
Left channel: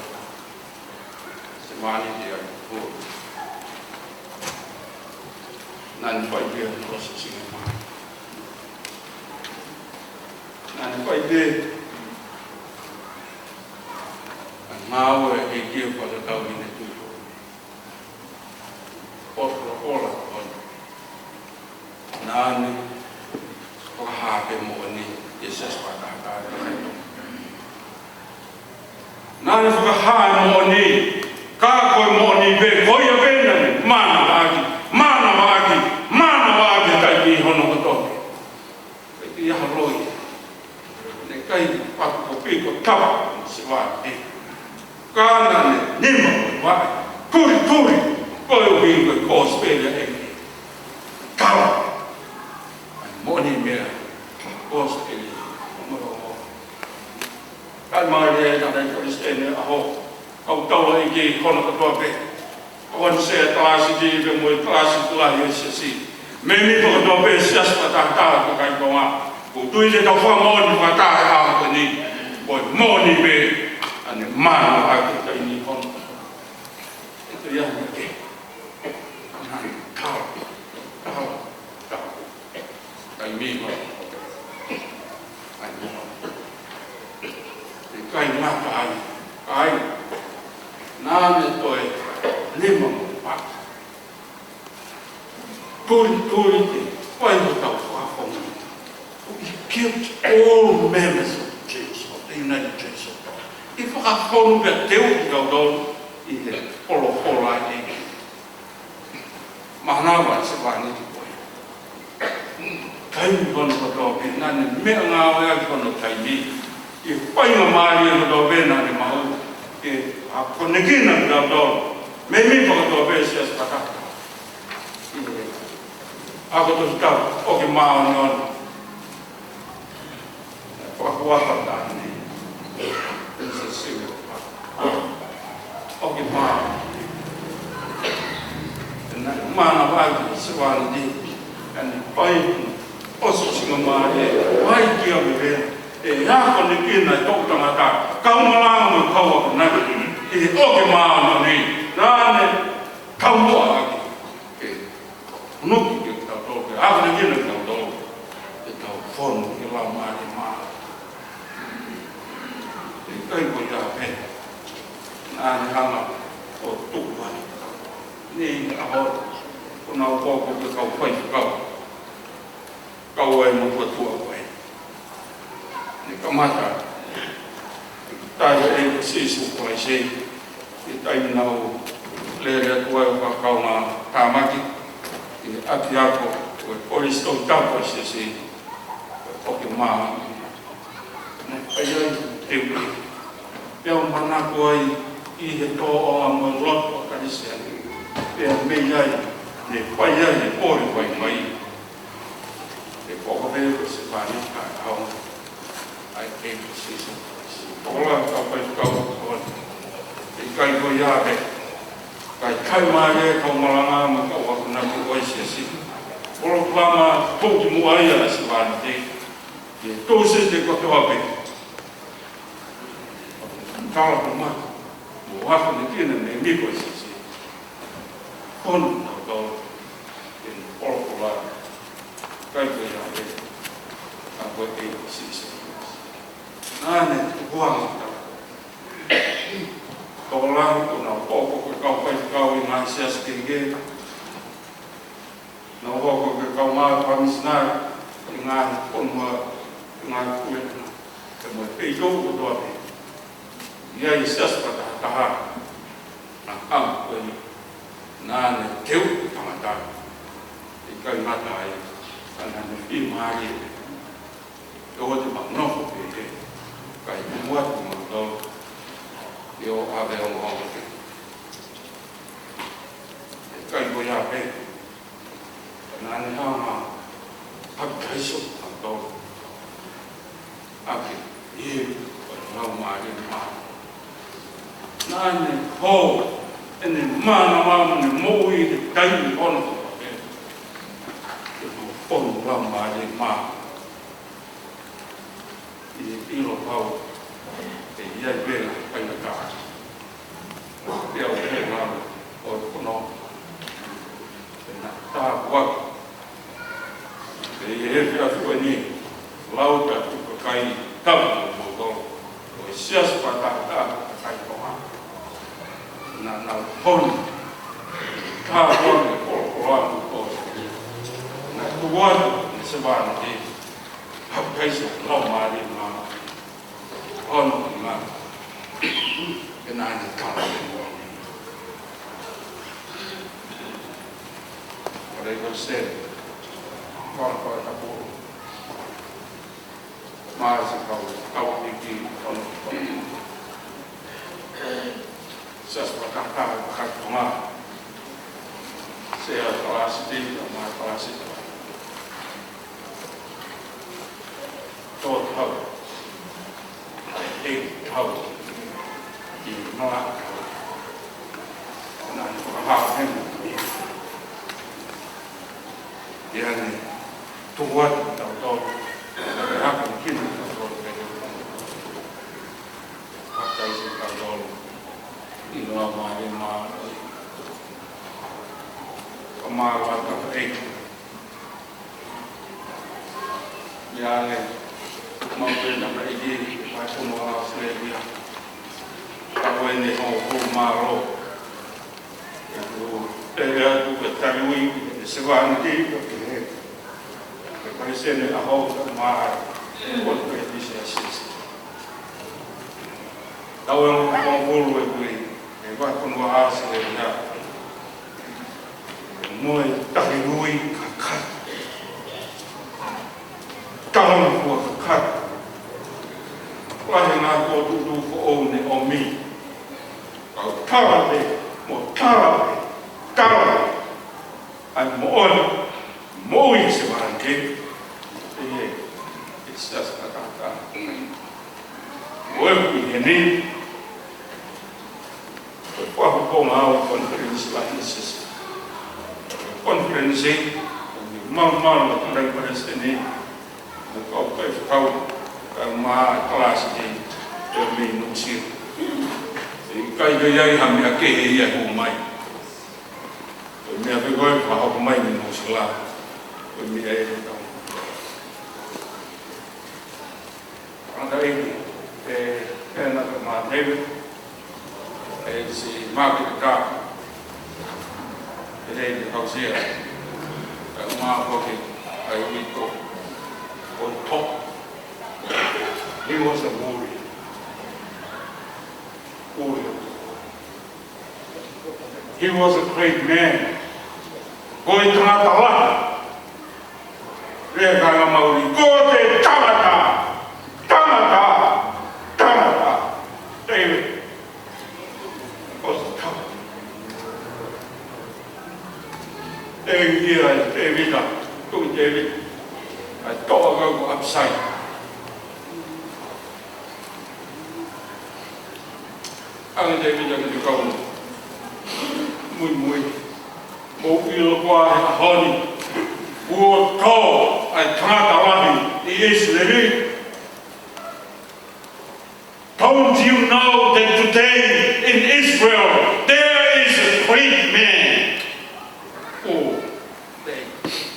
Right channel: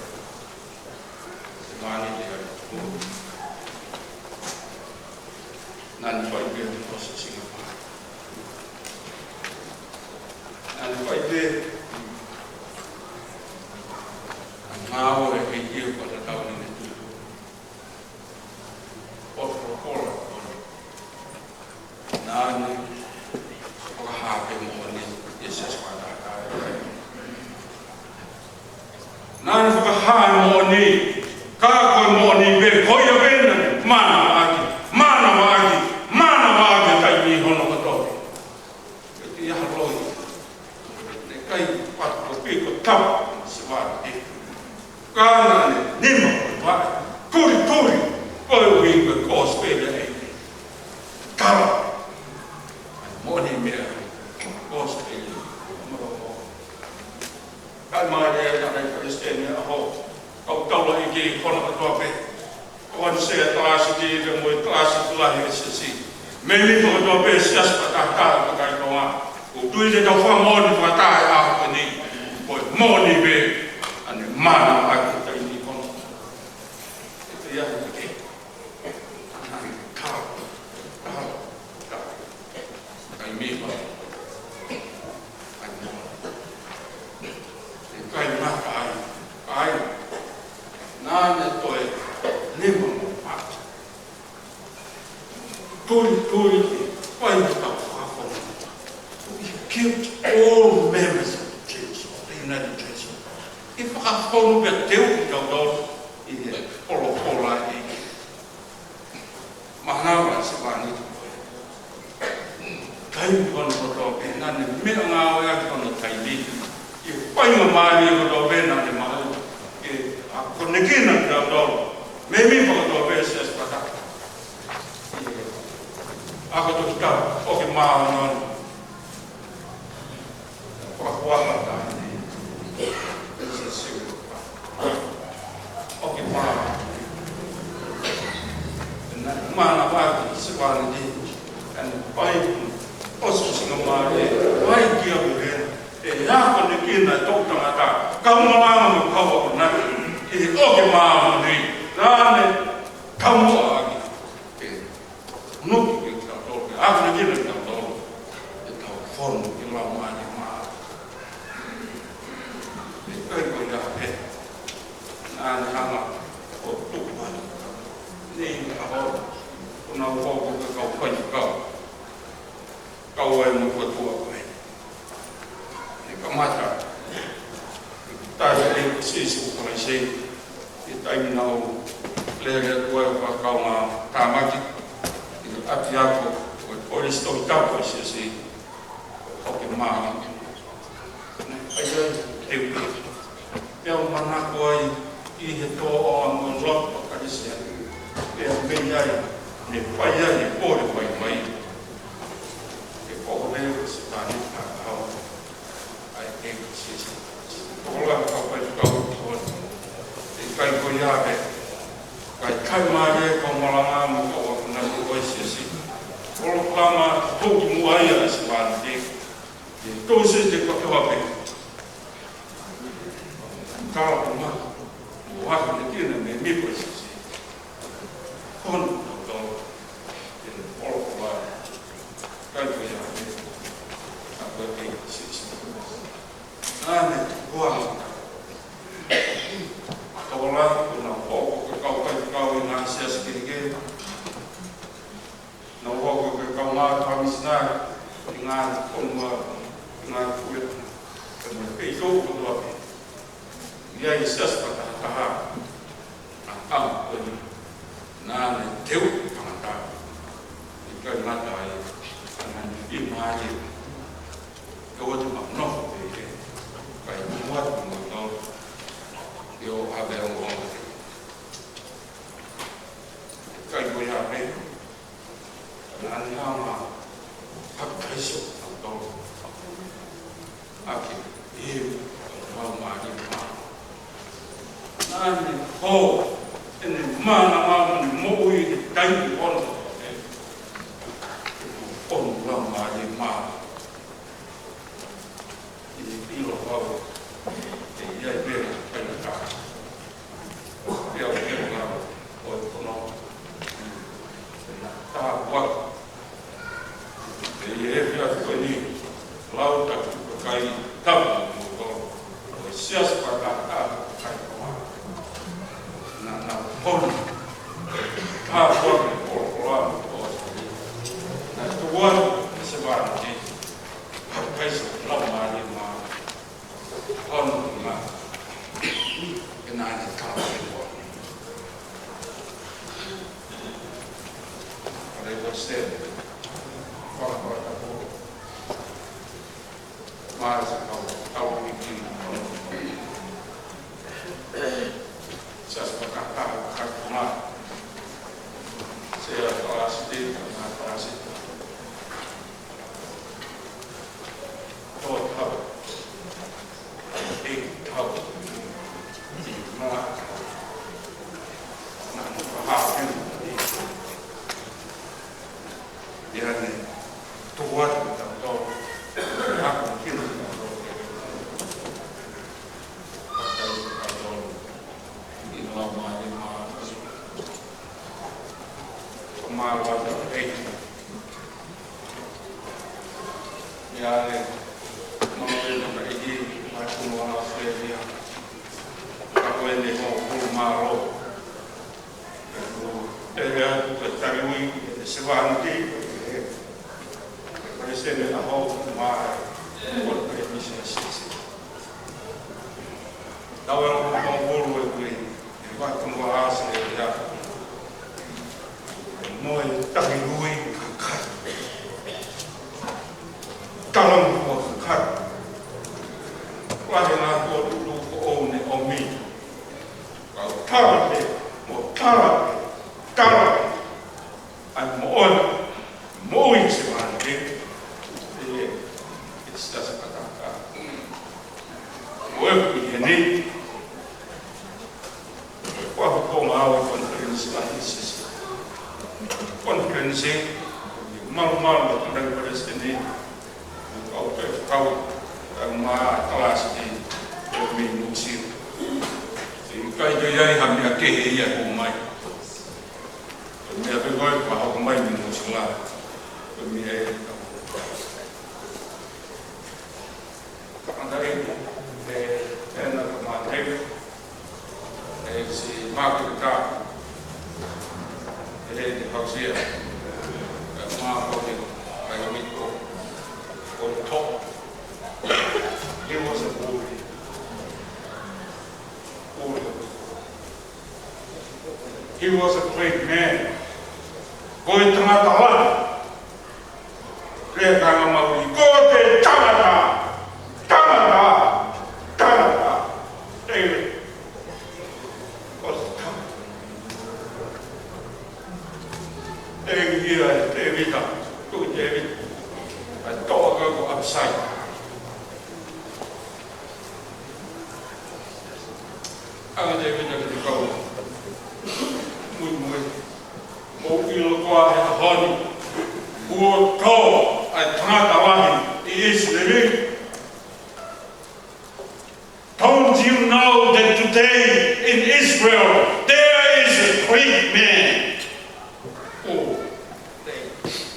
se mani te ai nan fai pe to se singa mai nan fai pe mau e kio pada tau ini tu. Ola koi. Nani hape mo ni Yesus pada kai. Nani ha mo ni ka koi mo ni be koi be na mana wagi kai ni hono ko to. Ki ya haloi. Ne kai pat ko pi ko tau swa e kana ne nima wa kuri koi o hinga ko spele e kala ai moni me ko spele kalma ye na dai ko spele a ho au tau ai ki kono ko to pe kon se klasi di de mo klasi tula ye si me ni ko to pe sias pa ta ko kai ko ma o tui le ta fa mo ni fa ta a ko ni boy moni be ane mana aku tak ini kon itu ya kau kai mi kon kai mata ai nane toi lima pa kuri pai no tau fa fo we killed all members of the United States. I whakawhonu pe teu ki tau tau i he polo e ki. Mahanawa se wāne ki koe. Kai mi hono koto pe, nane mea ngā oea ki hono kai mi. I whainga maari e koto pe nane mahu. Ke a konekina ki tau tau. Me mi koto pe se as pata. A koto ki tau, o ki maa hono. Whakuaka tahi ne. Okay, mana vai se vai de and pai osso singa mare vai que a viver e hako ni kina tō tangata, kaumanga mo kaua ko naki, e oke maa ni, nāne kaumua aki, e unuki ki tau tō, e hako ni kina ki tau tō, e tau whono ki lau maa ni maa. E kai koe tā pe, nāne hanga o tūkuani, ni ahora, o nau kōko ke kau whai kau, kau e mo tua tua koe. Ni kamata, tai e sisu koe se, i tai nau lere atua e whakau ngā tāmaki, i ati ako, koe polis tau tau koe se se, koe oke maa. Ne, pai ai, teu, peo mana koe i he tō o a mo loto a karisi ani, peo mei ai, ne pai ai e pōre wai mai. E koko veo se pāne kā kaua. Ai e sisu. Tola kau pai kau kau. E kai ko ia he. Kai mai e kau malanga ma kau aku naki oi sisi. Olo klama toki mua ia se pāne te. E tō se te kau hape. Tala ko ma. Mo hako ni kina me mi ko sisi. Kono tau. Olo kola. Kai ko ia he. Ako e sisi. Nāne, kuanga tau. Tōla, kuna hoko ke kau pai kau i ngā siasa kirike. Nā hoko ke kau maa pamisinari, i ngā konua, i ngā kuetuna. Te moe pei tōku toa te. Ia i siasa pata tahara. Nā kama kueni. Nāne, teu tangatari. I kai mata ai, anani i maari. Tōko te maknofo te he. Kai muat mga tol, i o hape o mwang te. E kai ko ia pe, nāne hama hapitaiso ang tol. Aki, i ngau maari maa. Nāne ho, ene mana mama ne moui te taimi ono ko pe. E no ono ngau maari maa. I ilo pau, e iai pēna pai na kā. Pēo pēo ngāro, o te kono, e nā tā waka. E i he pēa koe ni, lauta tuka kai tapu mo tō. O e sias pa tā kai koha. Nā poni, tā waka kōra kōra o te. Nā tukuan, e se wāna te, hapaiso, lau maari maa. Hono ngā, e nāne kāna e mua. Kore ko sēne, kora kora taporo. Māsa kau iki, hono kora. Saswa kakara kakara ngā. Sea parasite, ngā parasite. Tō tau. E tau, i mga tau. Nā kuraha tēmu. E ane, tuwatu tau tau. E haka kina tau tau. Haka i tau tau. I lau mai maa. Ka maa wata eitu. E ane, maupena ka igi. Mai tumu a Australia. Kako e ne hong kuru maro. E atu e tariui, e se wāni ti, e pare sene a hong maa, e koto e tisi a sisi. Tau e hong kuru e kui, e wai kunu a ase e rea. E moe tahi rui kakari. Talang kua kakari. Wahe ngā kua tutu ko o ne o mi. Kau tarape, mo tarape, tarape. Ai mo ona, mo i se wāne. E sasa kataka. Mo e kui he ne. Wahu ko ngā o conference la hisis. Conference e, malu kandang pada sini. Kau pai whakau. ma kelas di mi musir kai do yai ham ya ke ya ku mai mi ave goi pa ho mai mi musila mi ai anda na ma reve si ma ka ele de hausia ma ko ke ai mi ko on top. He was a warrior. He was a great man. Koi tangata rega mauri ko te tangata David was a tough. David I thought I go upside. Ang David ang ikaw muy mo filo qua honi wo ko ai trata wani is living. Don't you know that today in Israel there is a great man? Oh,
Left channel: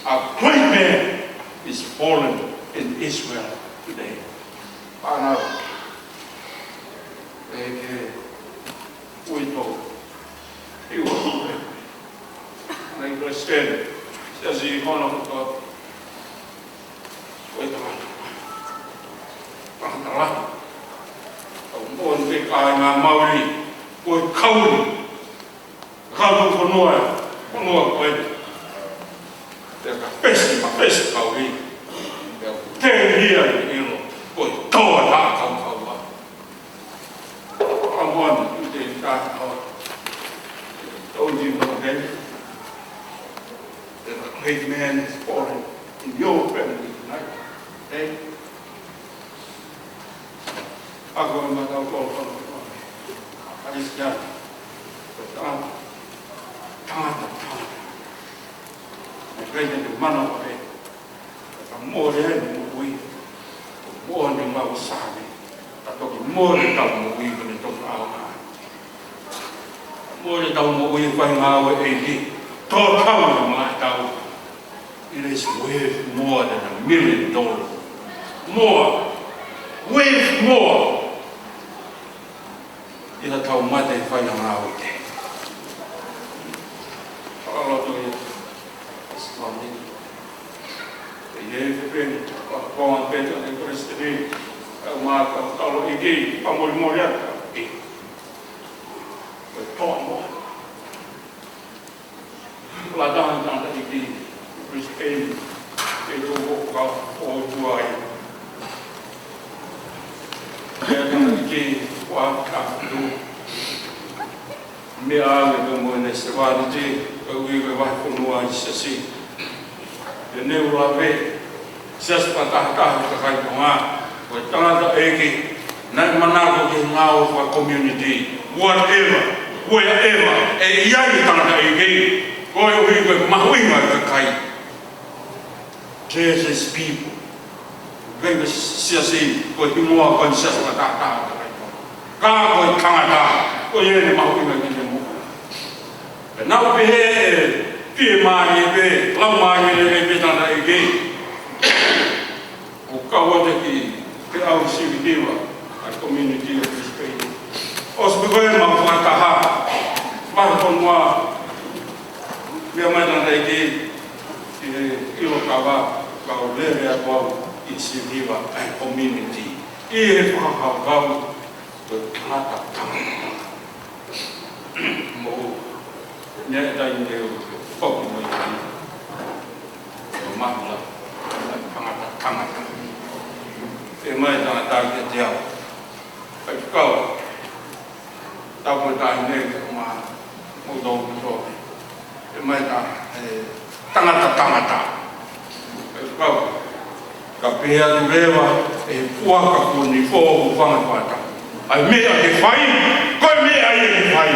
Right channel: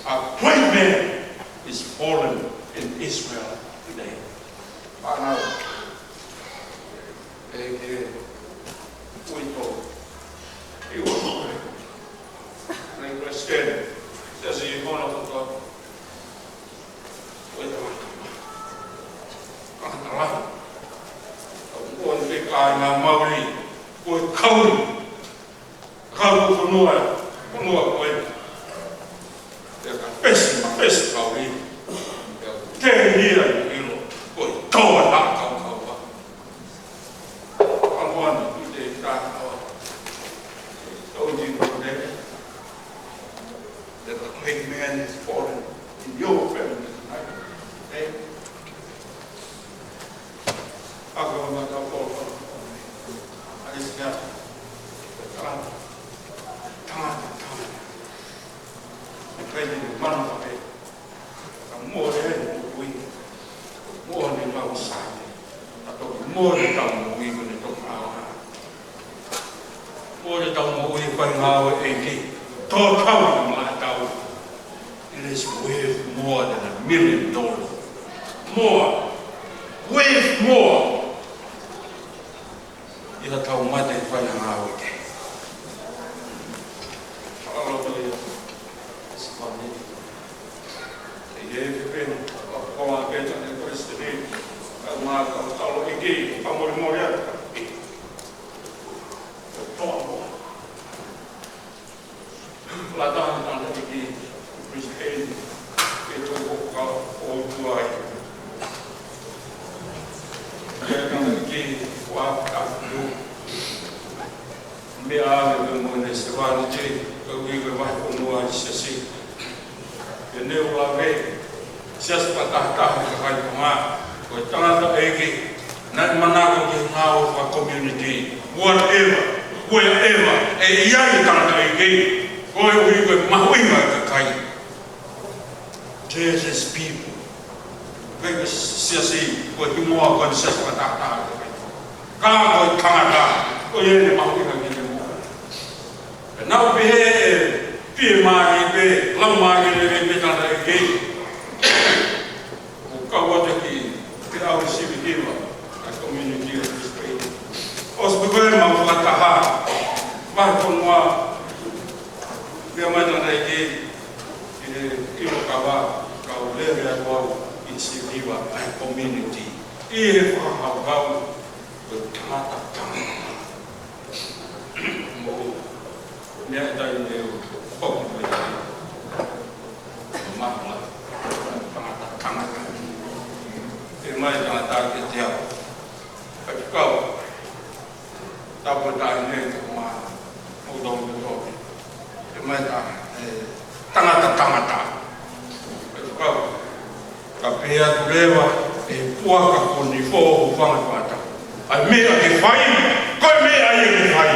a great man is fallen in Israel today. He was great. And I said, says he gone up to God. Wait a minute. One big guy in Maori, with Cowan. Cowan for Noah, wait. There's a fish, Maori. They're here, you know, with Cowan, not Cowan. I'm one, we did that. Don't you know that? That a great man is fallen in your family tonight. Hey? I go to my house. I just got time. I'm trying to man of it. I'm more than we, more than what was sad. More than that, we going to talk about. More than that, we find out it is worth more than $1 million. More. Worth more. You know how much they find out. All of it. It's funny. They have been born better than Christianity. Kalau ini pamul-mulia, betul. Ladang tanda ini, Kristen itu kau juai. Yang ini waktu itu, mia kemudian sesuatu itu kau waktu nuai sesi. Ini ulama sesuatu terkait dengan tangata eki na manago ki ngau wa community whatever wherever e yai tangata eki koi wi ko mahuinga ka kai Jesus people venga siasi ko tingoa kon sias patata ka ko tangata ko yene mahuinga ki mo na be ti mai be lamai le be tangata eki o ka wa ki our civil a community of this place. Os begonnen maar van te gaan. Maar van moi, we hebben dan de idee in de Ilokaba, kau leren about civil a community. Hier van hou het kata. Mo, net dat je ook niet meer kan. Makkelijk, kata. Mai ta ke tiao ai kau ta ko ta ne ma mo do ko mai ta tangata ai kau ka pia tu lewa e pua ka ko ni fo ko fanga pata ai me a ke fai ko me ai ke fai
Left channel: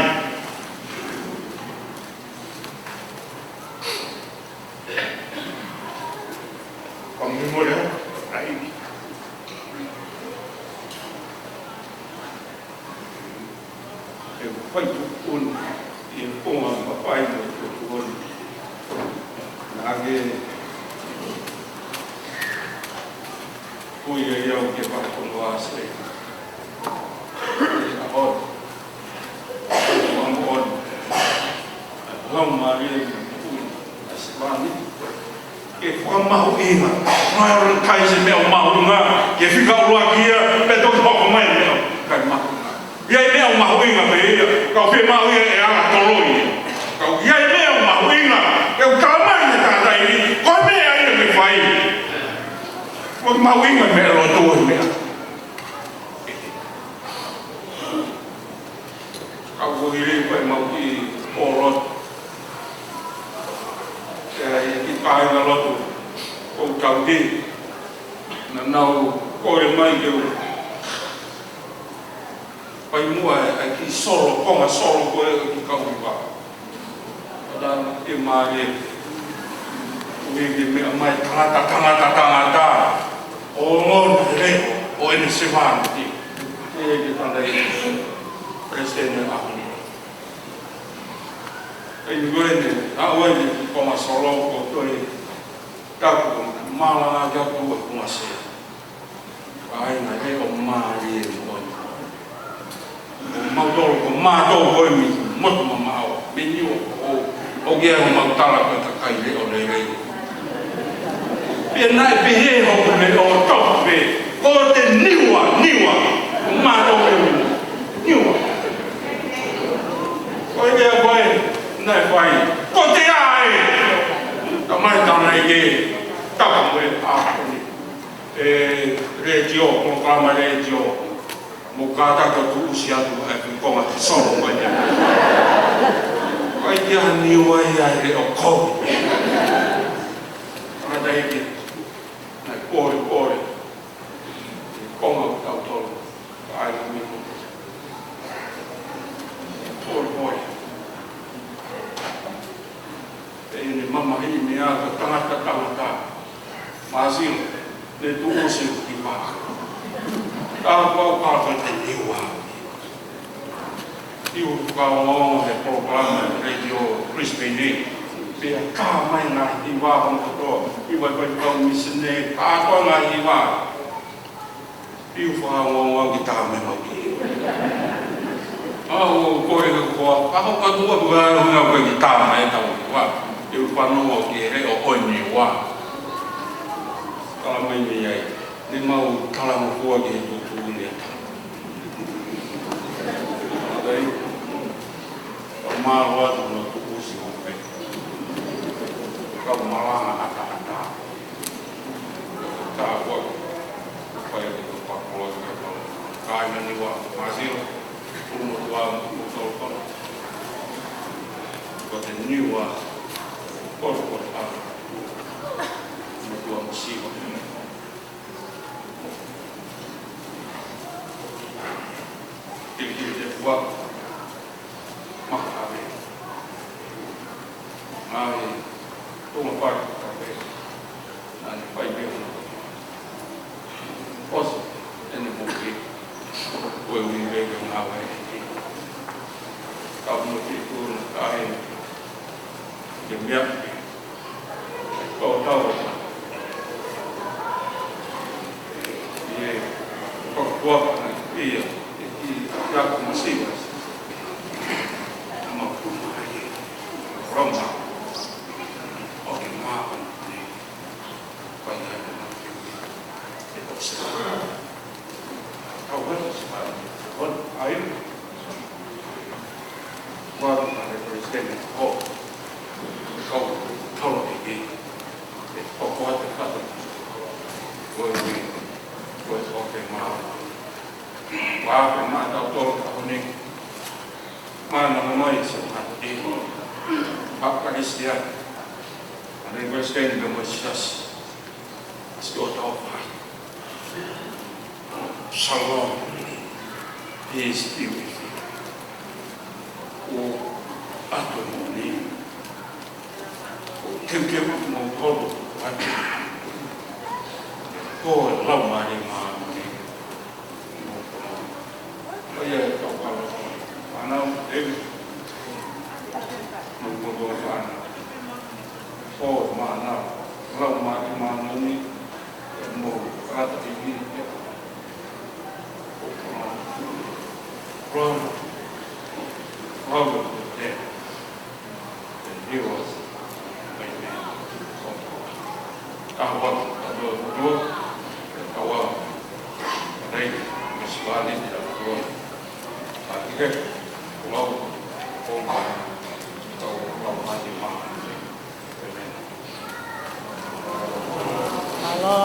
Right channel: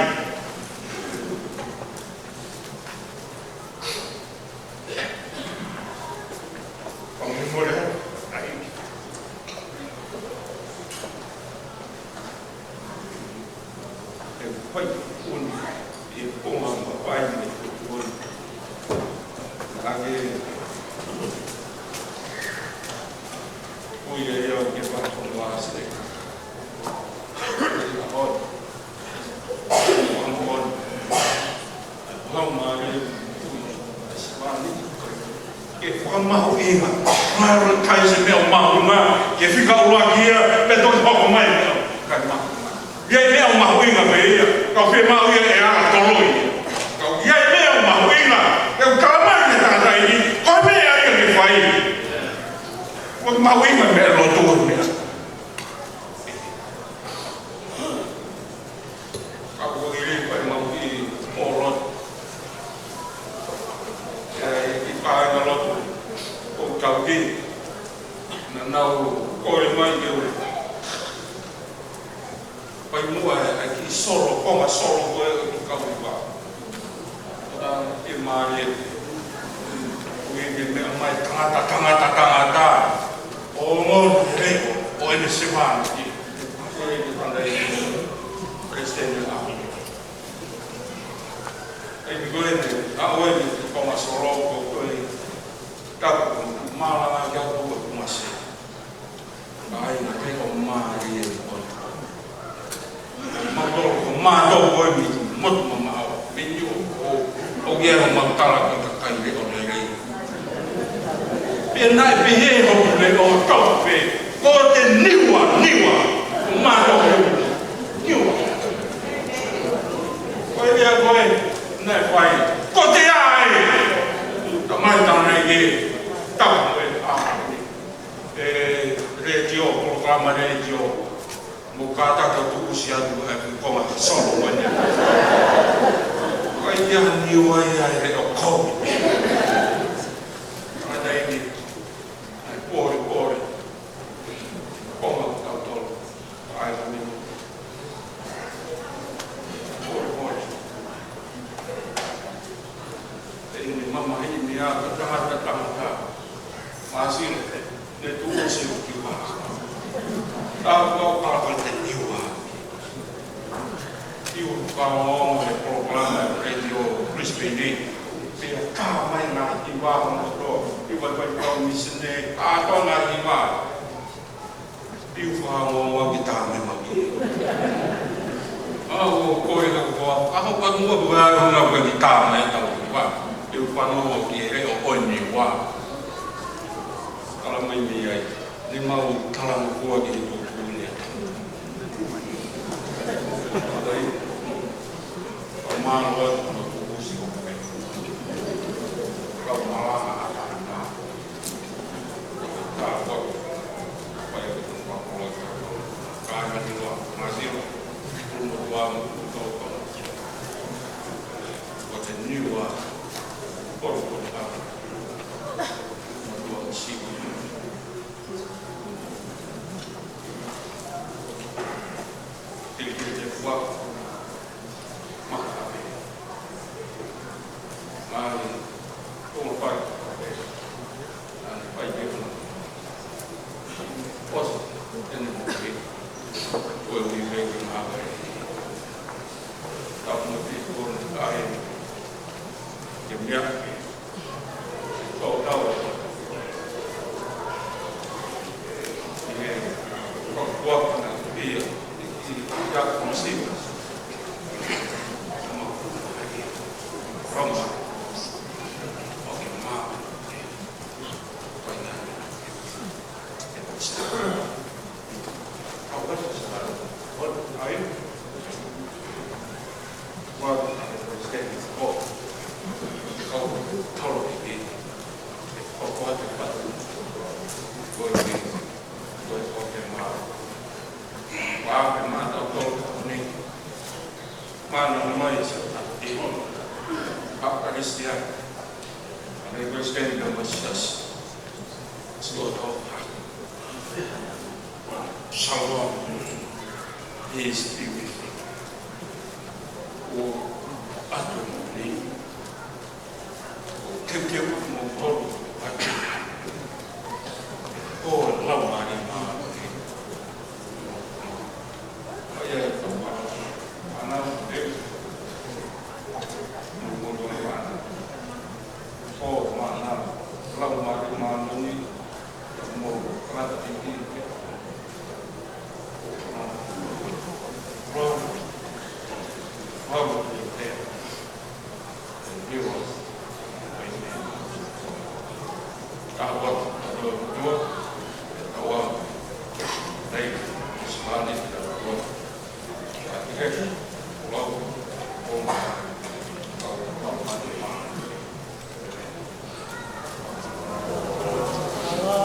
ko mi mo le ai quay un e com a pai do un age ui eu que vai com nós agora vamos aí esse vale que foi mal inga mas cai se meu mal inga que fica o aqui é todo pouco mais cai mal e aí meu mal inga veio kau fe mau ia e ala toloi kau ia meu mal inga eu calma ia tá aí coi me aí me fai o mal inga me lo tu me kau ile foi mau ki porot ki pai na lotu o kau di na nau coi mai eu pai mua aqui solo como solo ko e kau ba dan e mare me mai tangata o mon re o ene semana e que tanda presidente a ai me gorene a oi como solo ko to e ta mala na ja to ko mase ai na re o mare mau mau oi mi mot mau menu o ge o mau tala ka kai le o le e nai pe he ho le o to pe ko te niwa ma to niwa ko e a boy nai fai ko te ai ka mai ta nai ge ta me a regio proclama regio mukata ka tu usia tu ai ko ma solo wa ya ai ya ni wa ya re o ko ada iki ai pore ko ma ka to ai ni pore e mama hi mi a ta masin ne tu usia ki pa kau kata niwa, iu kau he program radio Brisbane, biar kau main na niwa untuk iu kau misne kau na niwa, iu kau kita main lagi. Kau kau buat nak kita main tahu niwa, iu kau mau kira oh niwa, kalau main biaya, ni mau kalau kau gitu. Aí, uma hora no curso também. Calma lá, tá, agora vai aqui do pacote, cai na língua, mas eu no doar no todo, pode niwa, pode lá, no doar consigo. Ele voa makabe ai como faz talvez não vai ver posso ele não foi o viver na água estava no peito ai que minha tal e qual na dia já consigo uma aí romba ok mapa vai dar e observar agora aí quando para presidente kau lagi pokoknya pada boleh ok mapa Wah, memang tahu kalau ni mana mai seperti Pak Kristian, ada Kristian yang bersias, sudah tahu Shalom is beautiful. Apa ni? Kem mau ada. Lama ni mah ni. Ayah tahu apa? Anau David. Nunggu mana? Oh mana? Kalau mana ini mau rata ini. Robert was dead, and he was my man. Kawat atau betul, kawat. Baik, Islam tidak betul. Tapi kan, kalau mati mah. Halo.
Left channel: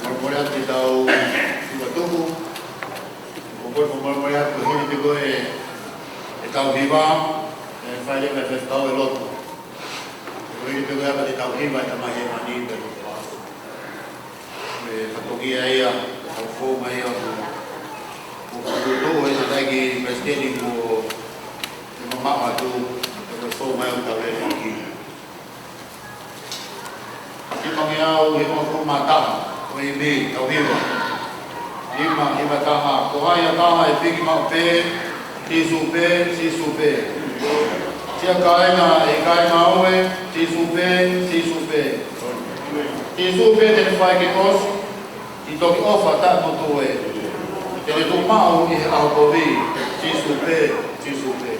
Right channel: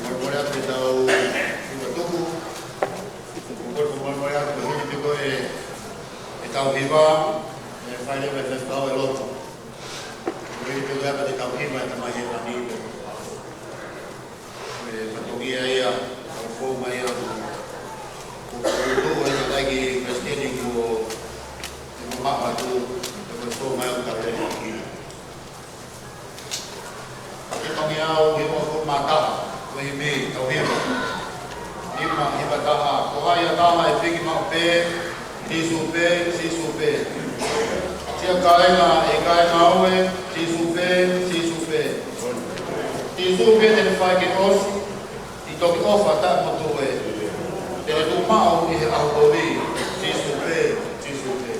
Memorial kita sudah tunggu. Memorial begini juga kita hiba, saya juga tahu elok. Begini juga apa kita hiba sama yang mani berapa. Patogia ya, tahu maya. Itu yang lagi presiden itu mama tu, tahu maya tak lagi. Kita mengiau yang mata, ini tahu hiba. Ima taha, kohaya taha ipigi maupe, tisupe, sisupe. Tia kaina, aue, tisupe, sisupe. Tisupe tene fai ke osi, itoki ofa tak motoe. Tene tu mau i au kovi, tisupe, sisupe.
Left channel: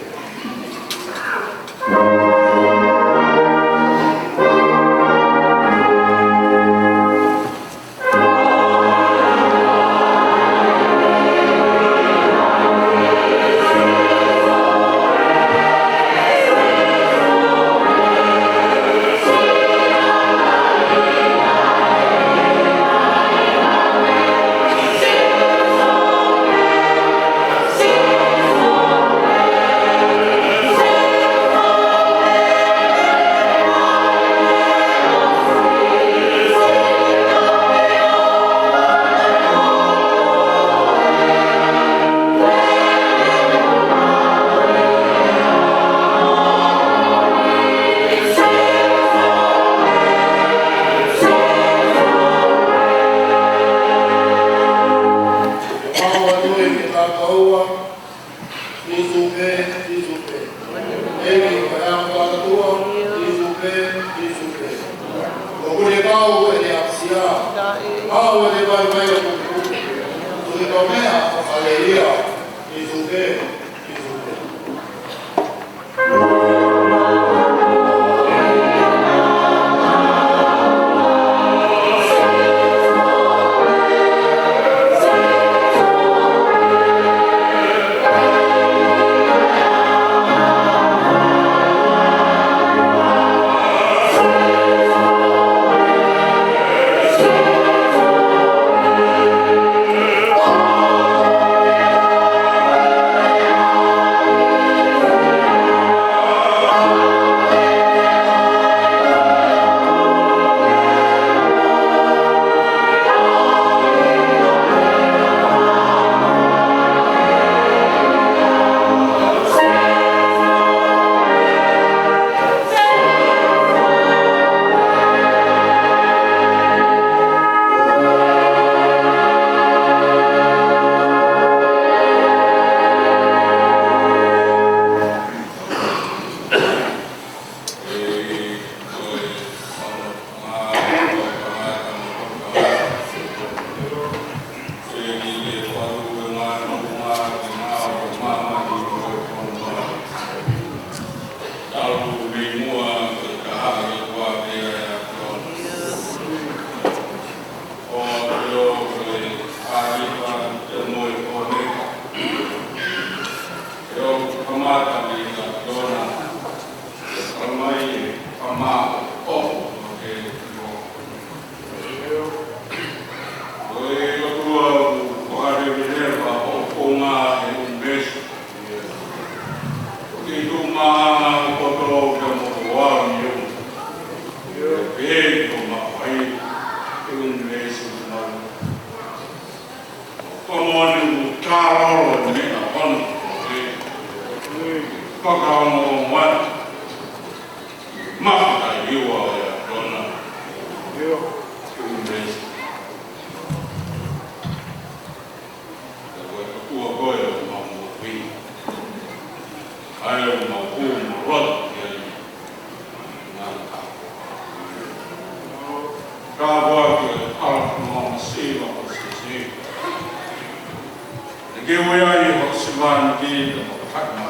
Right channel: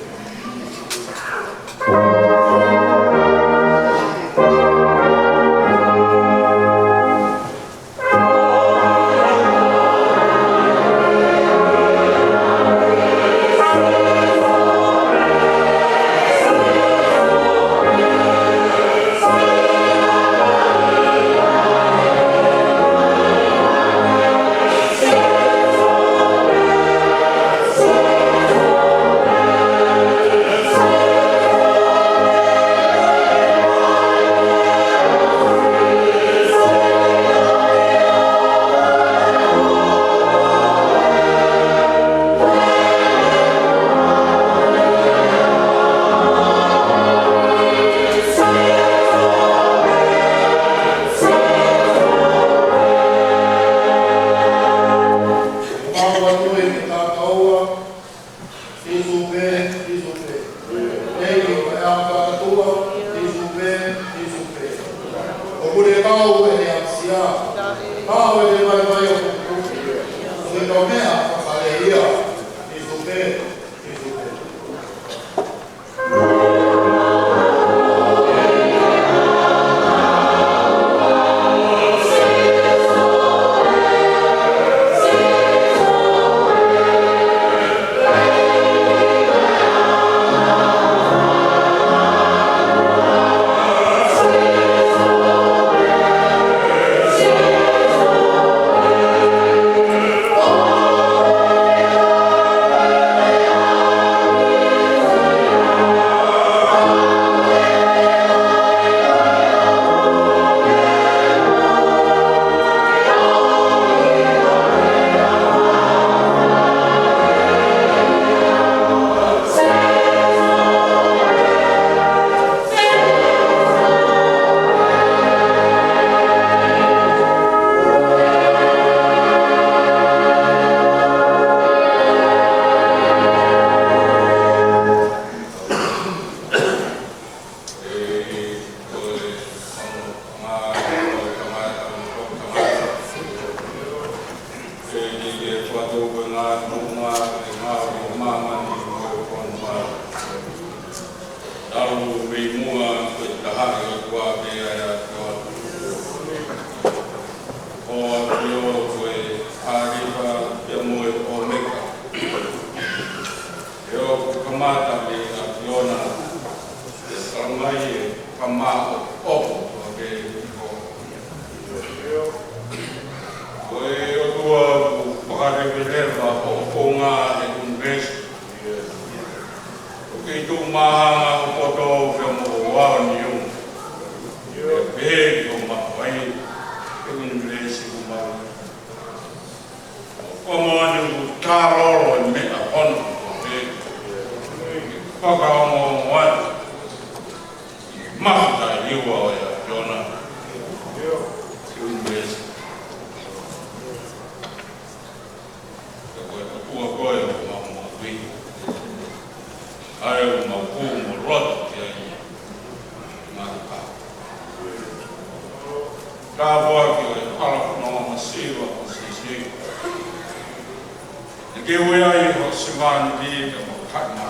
ke wea ho sivan di de mo kama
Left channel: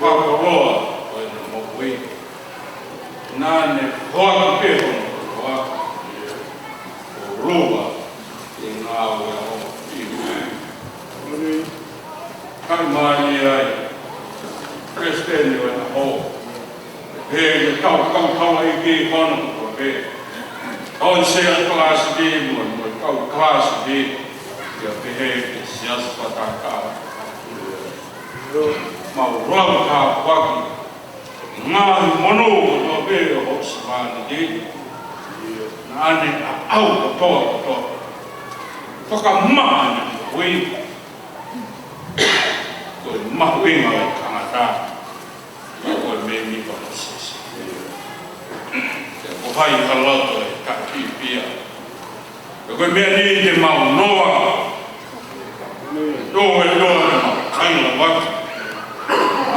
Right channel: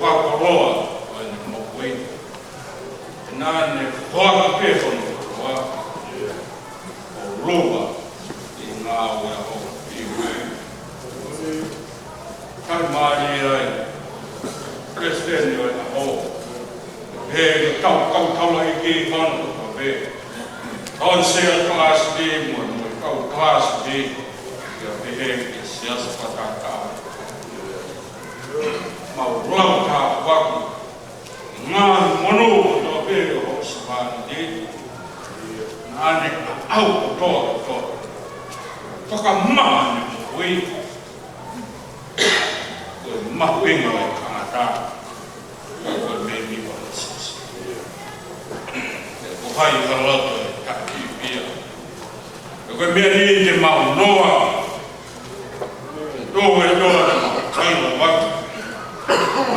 pa koroa o ne mo we na ne ho pe ho no o roba e nga wea ho kama ni ai Kristen yo na ho he kau ai ki kono ko be on se class di mo kau class di ya behave sias pataka ma ram ka waki ma mono to be ho span di na ne au to paka ma we ma we ngai kanata o me mi pa sis ko hai halato ka pia ko me ni te mau noa no we no kai la wa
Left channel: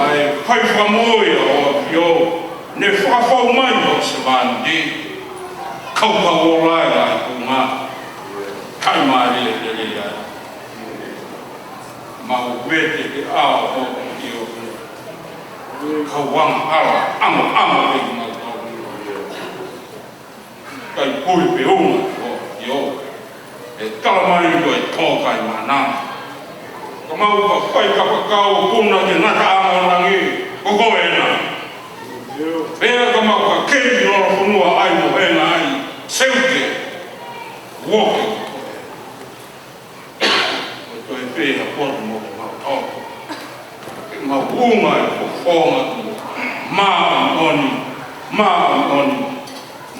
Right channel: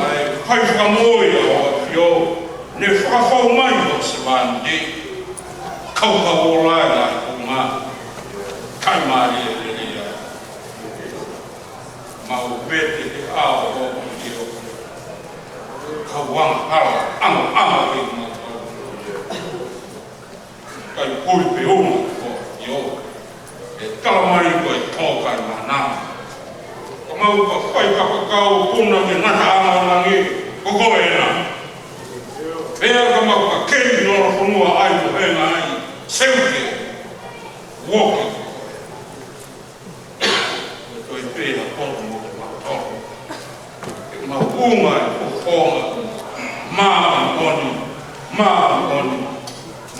ai kai fa moi o yo ne fa fa mai o se van di kau ka ola la ma kai ma ri le mau vete ke ao o io kawang ala amo pe mau kai pui pe uma o io e kalamai ko e ko kai mana ko mau ko fai ka ka o kuna ke nata amo langi ko ko ena pe ka mau ka ke no funua ai no ena ai seuke walking ko e pe na po ma uma o forma ma on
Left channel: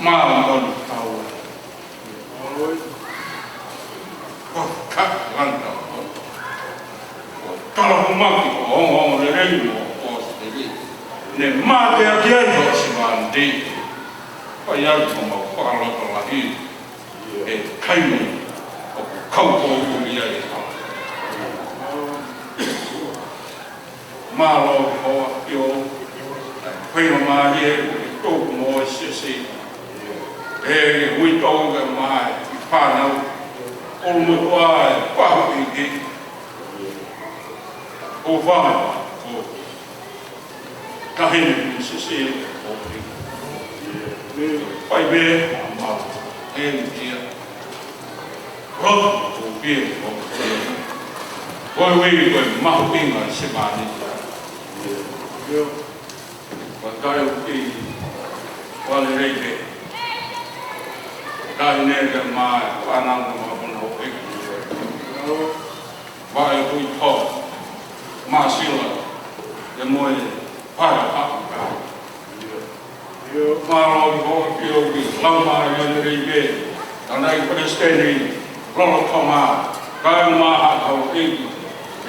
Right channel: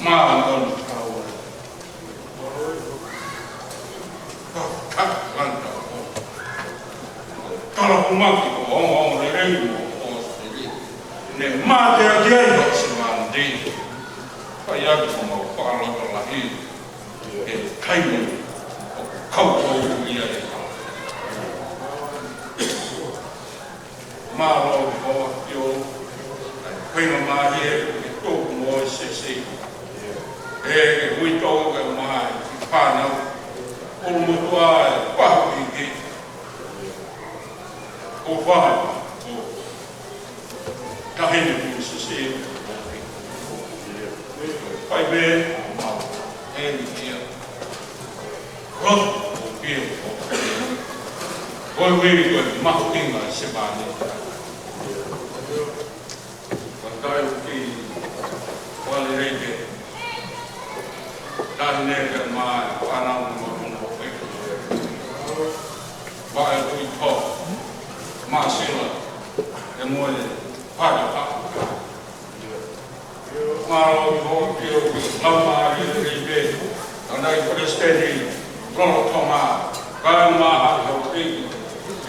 power ka lanta kala uma ki o le rei mo o se ne ma te a dia no se van de pa ya ko ma pa lo to la hi e kai me o kau ko ia e malo ho yo pai no mari e to mo se e ui to ga mai pa na o mo to ai pa ki o va o ka hene se o pai be ma e ni ro o pi o we ko ma ho pinga se ba ni Wakai uti wale reke kai nega mai panang mo no weki vai tui to ma sila de moe para ka maro ho kilo bi lama reke andai presteni rolo toma kai ma ha ho ki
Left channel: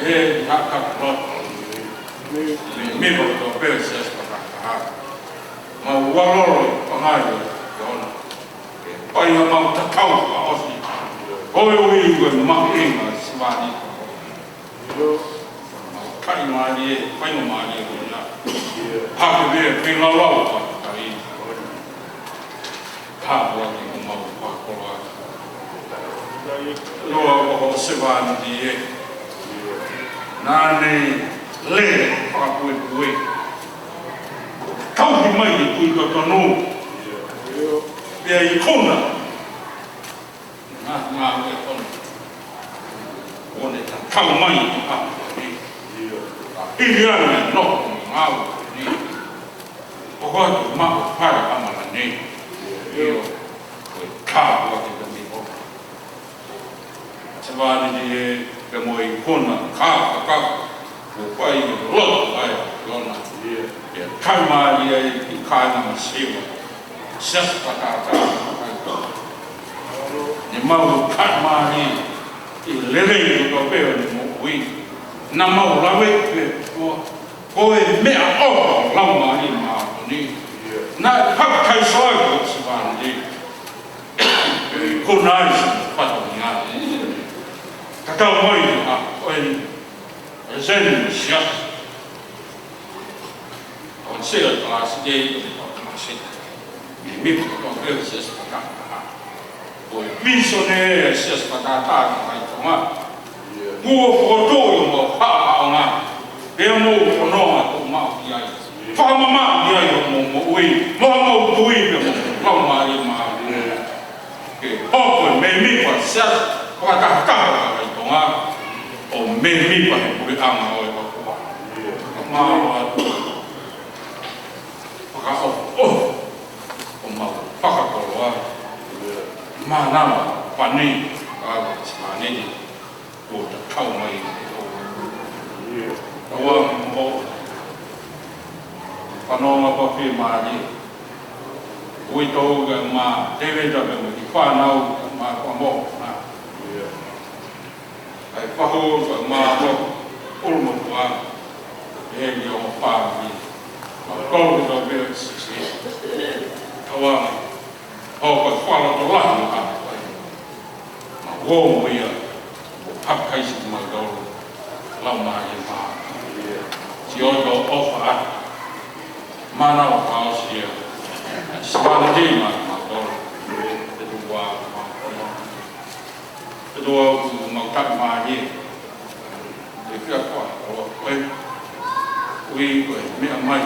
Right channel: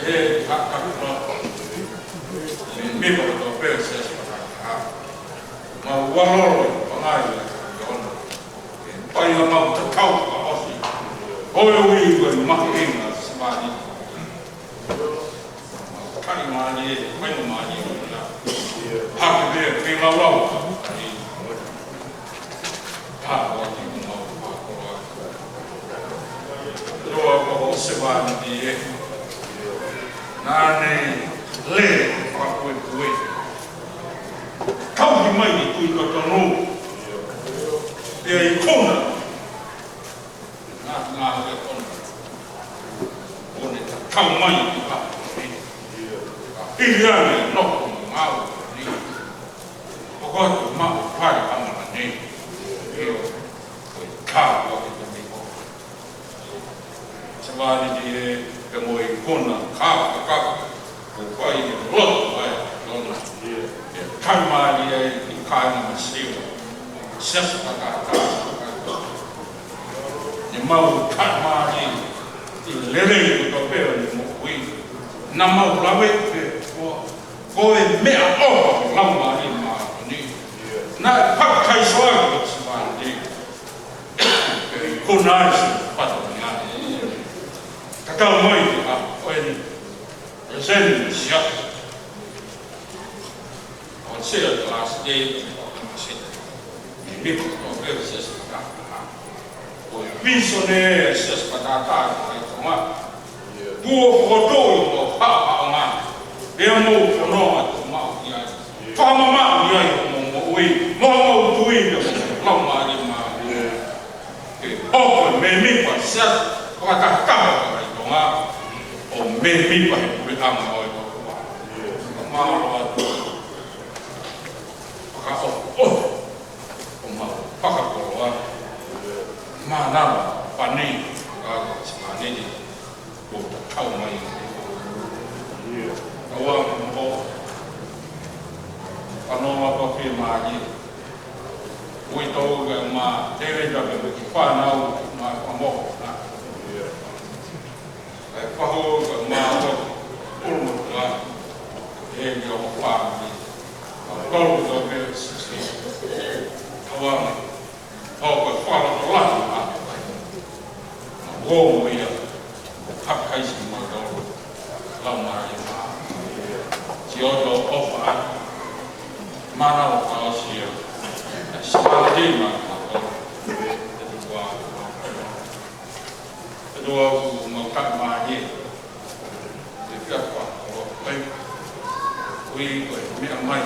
e ha ka me mo to perses para ma waloro pangai yon pai ma ta kau pa osi oi wi ma inga smani ma kai ma ni pai no ma ni na ha ke be pe la la ai ta wa ki ma pa ko lo mo se va ni nani le pa pui kau di mai tui ka tono e ai kona nga ko kon one ta kau mai ha ni ia no nga ni ko ko ma pa ra ma ni io ko ka ko ki ni ko tsama ni pe mo i kona ka o pai ro ai lona kai mai i kai na siwa ses patata ni mau kai mai i lere to pe ni mo wi na mau la we ko e me a o la mai ma ni na pa kai so ko se va ni ko nai patata ka mai a o Zen siap, on sel kelas D masih, mimpi kompil sesuatu. Oh, visioner sesuatu tak, cuma Kua whakato i o whapao ngā. Ea mō whanonga tō mau ki ai. Whamamau ni ai o mō ui. Mō mau tui me mō lau maari mā. Ke hoko me mipa siat. Whakatakawa ka i tō ngā. O me mipa he puri anga o e pakua. Mā wā. Whakao. O mau whakakoro a. Mā nāma whanei. Awa whanei. O ta kau mai o te hoko. Awa mō. Whanonga papi maari. Ui tōga mā tewe tabe o ki whanau mā kua mō. Ai whaho ka mā o urumatua. E ni o whāmi. Mā kōru tō veo sisi. Awa hau ka whala tō lati mā. Mā wō ia. Hakaisi mā tōru. Lau maari mā. Si o tō ofa mana o pao sia. Semana hei mā tōru. Te tua mā tōru. Te tua u mautak mā he. Te kia kua o koe. Ui koe mea mai.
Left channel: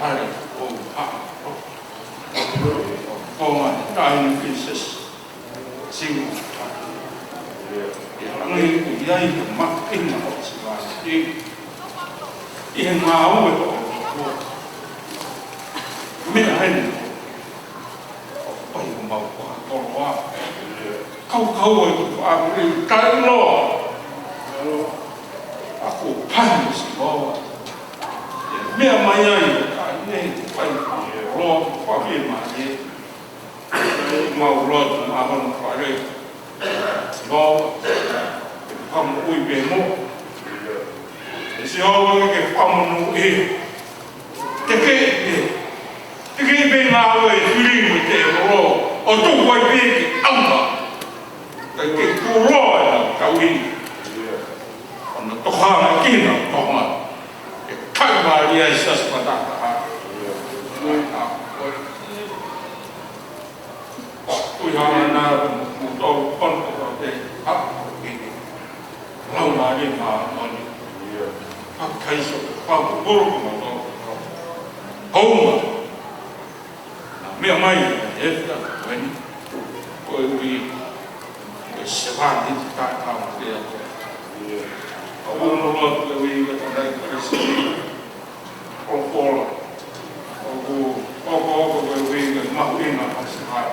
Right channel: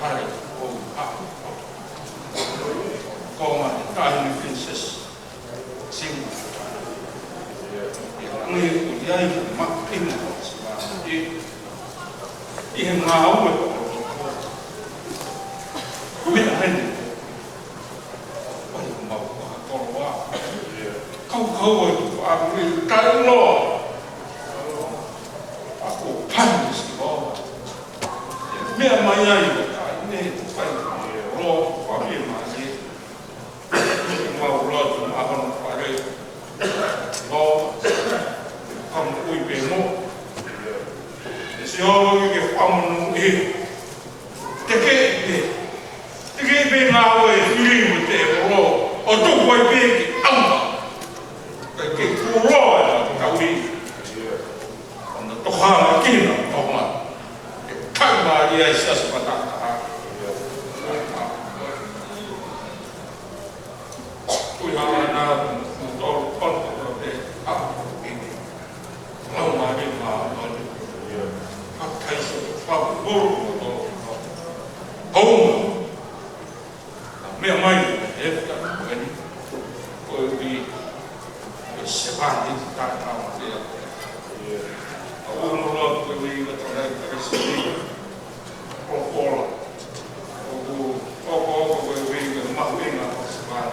Pare o hapa. O ma he tāhini princess. Singu. E rangi u iai he mapinga o semana. I he ngā ue o mea hene. O pai o mau kua toro a. Kau e o whaakuri kai loa. Ako pani si loa. Mea mai ai o kai ne te pai o loa whapie mani. Mau loa tu mahona whare. Loa. Whamu ui pe mo. Si hōwanga ke whamanu e. Te kei pe ngā ue whiri mo te ro. O tōku ai pe ki auma. Kai ke kūroa e au kauhi. Ona tohara kina tohanga. E kaumāri ai sas pataka ha. Kui hana nā mu tōru ponto o te hapa kini. Lau māri mā mani. Hakaisa ke whamu buru mo tōru. Hauma. Mea mai e whiaka koeni. Koe ui se wāti te tātawa whea koe. A umoroa koe ui ka te rei karisiri. O whora. O oko koe ui ka mahuinga o se hai.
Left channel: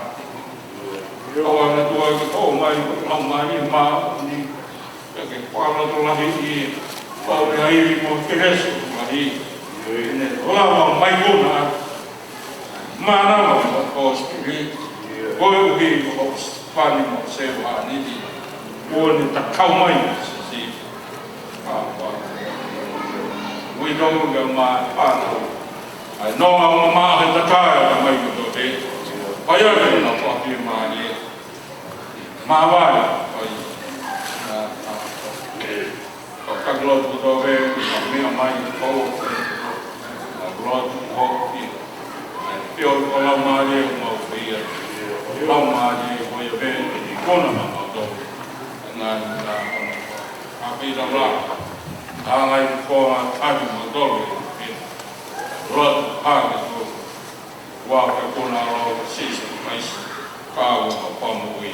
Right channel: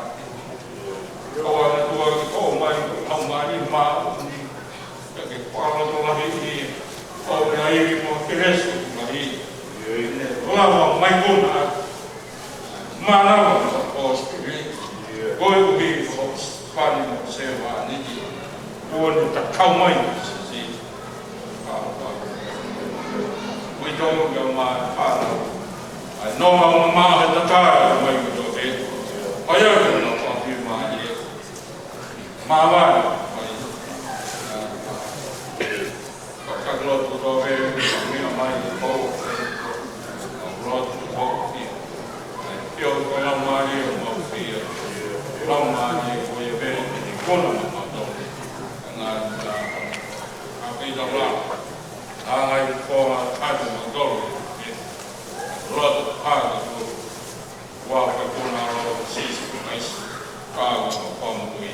Awa na tua ka tō mai au mai mā ni. Ka ke whāra tō lahi i o me airi mo te restu mahi. Ne rawa mai kona. Mānawa mo o spiri. Koe uhi mo pani mo se wāniti. Ua ni ta kau mai se si. Ui tongu ka mā pāna. Ai noa o mā he takāia ka mai kuto te. Pai ake na whapi māni. Mā vāna. O kakilotu kuto e. Mea mai o kakilotu hoki. Pio ko lau māni e mau whia. Lau māni e koe e kona mamato. Ngā pita rā. Ngai kua tāki mo toro. Rot hāka tō. Wā kai kona ro sisi mais. Kāwa ka whama ui.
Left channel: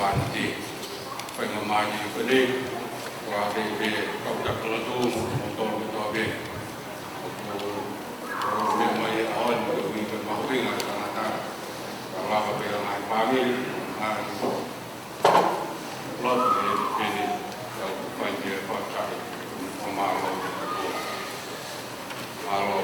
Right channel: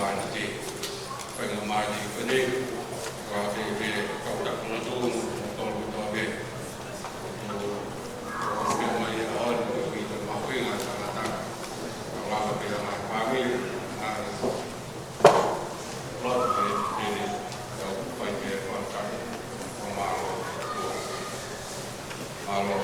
ban ti pengamai ini wah di kau tak keladu motor motor be mai on we mau pingat karena kalau apa yang lain kami lot ini yang banjir kontak pemalu malu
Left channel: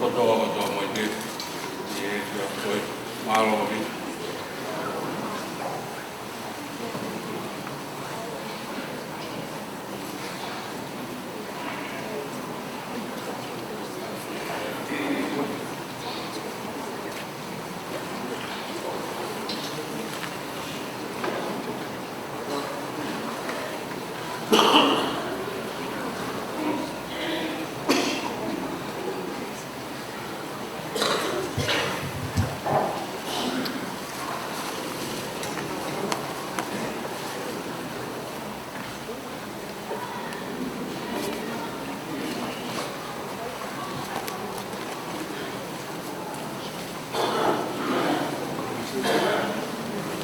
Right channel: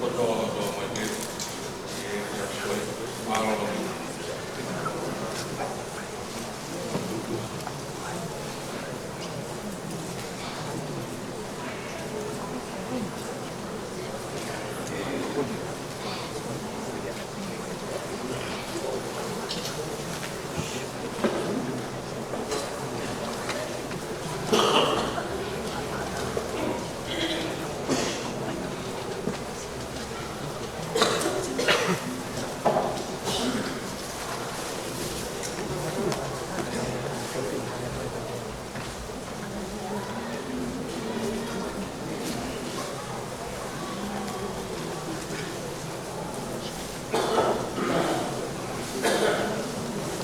kotoa mo te e toi malo mi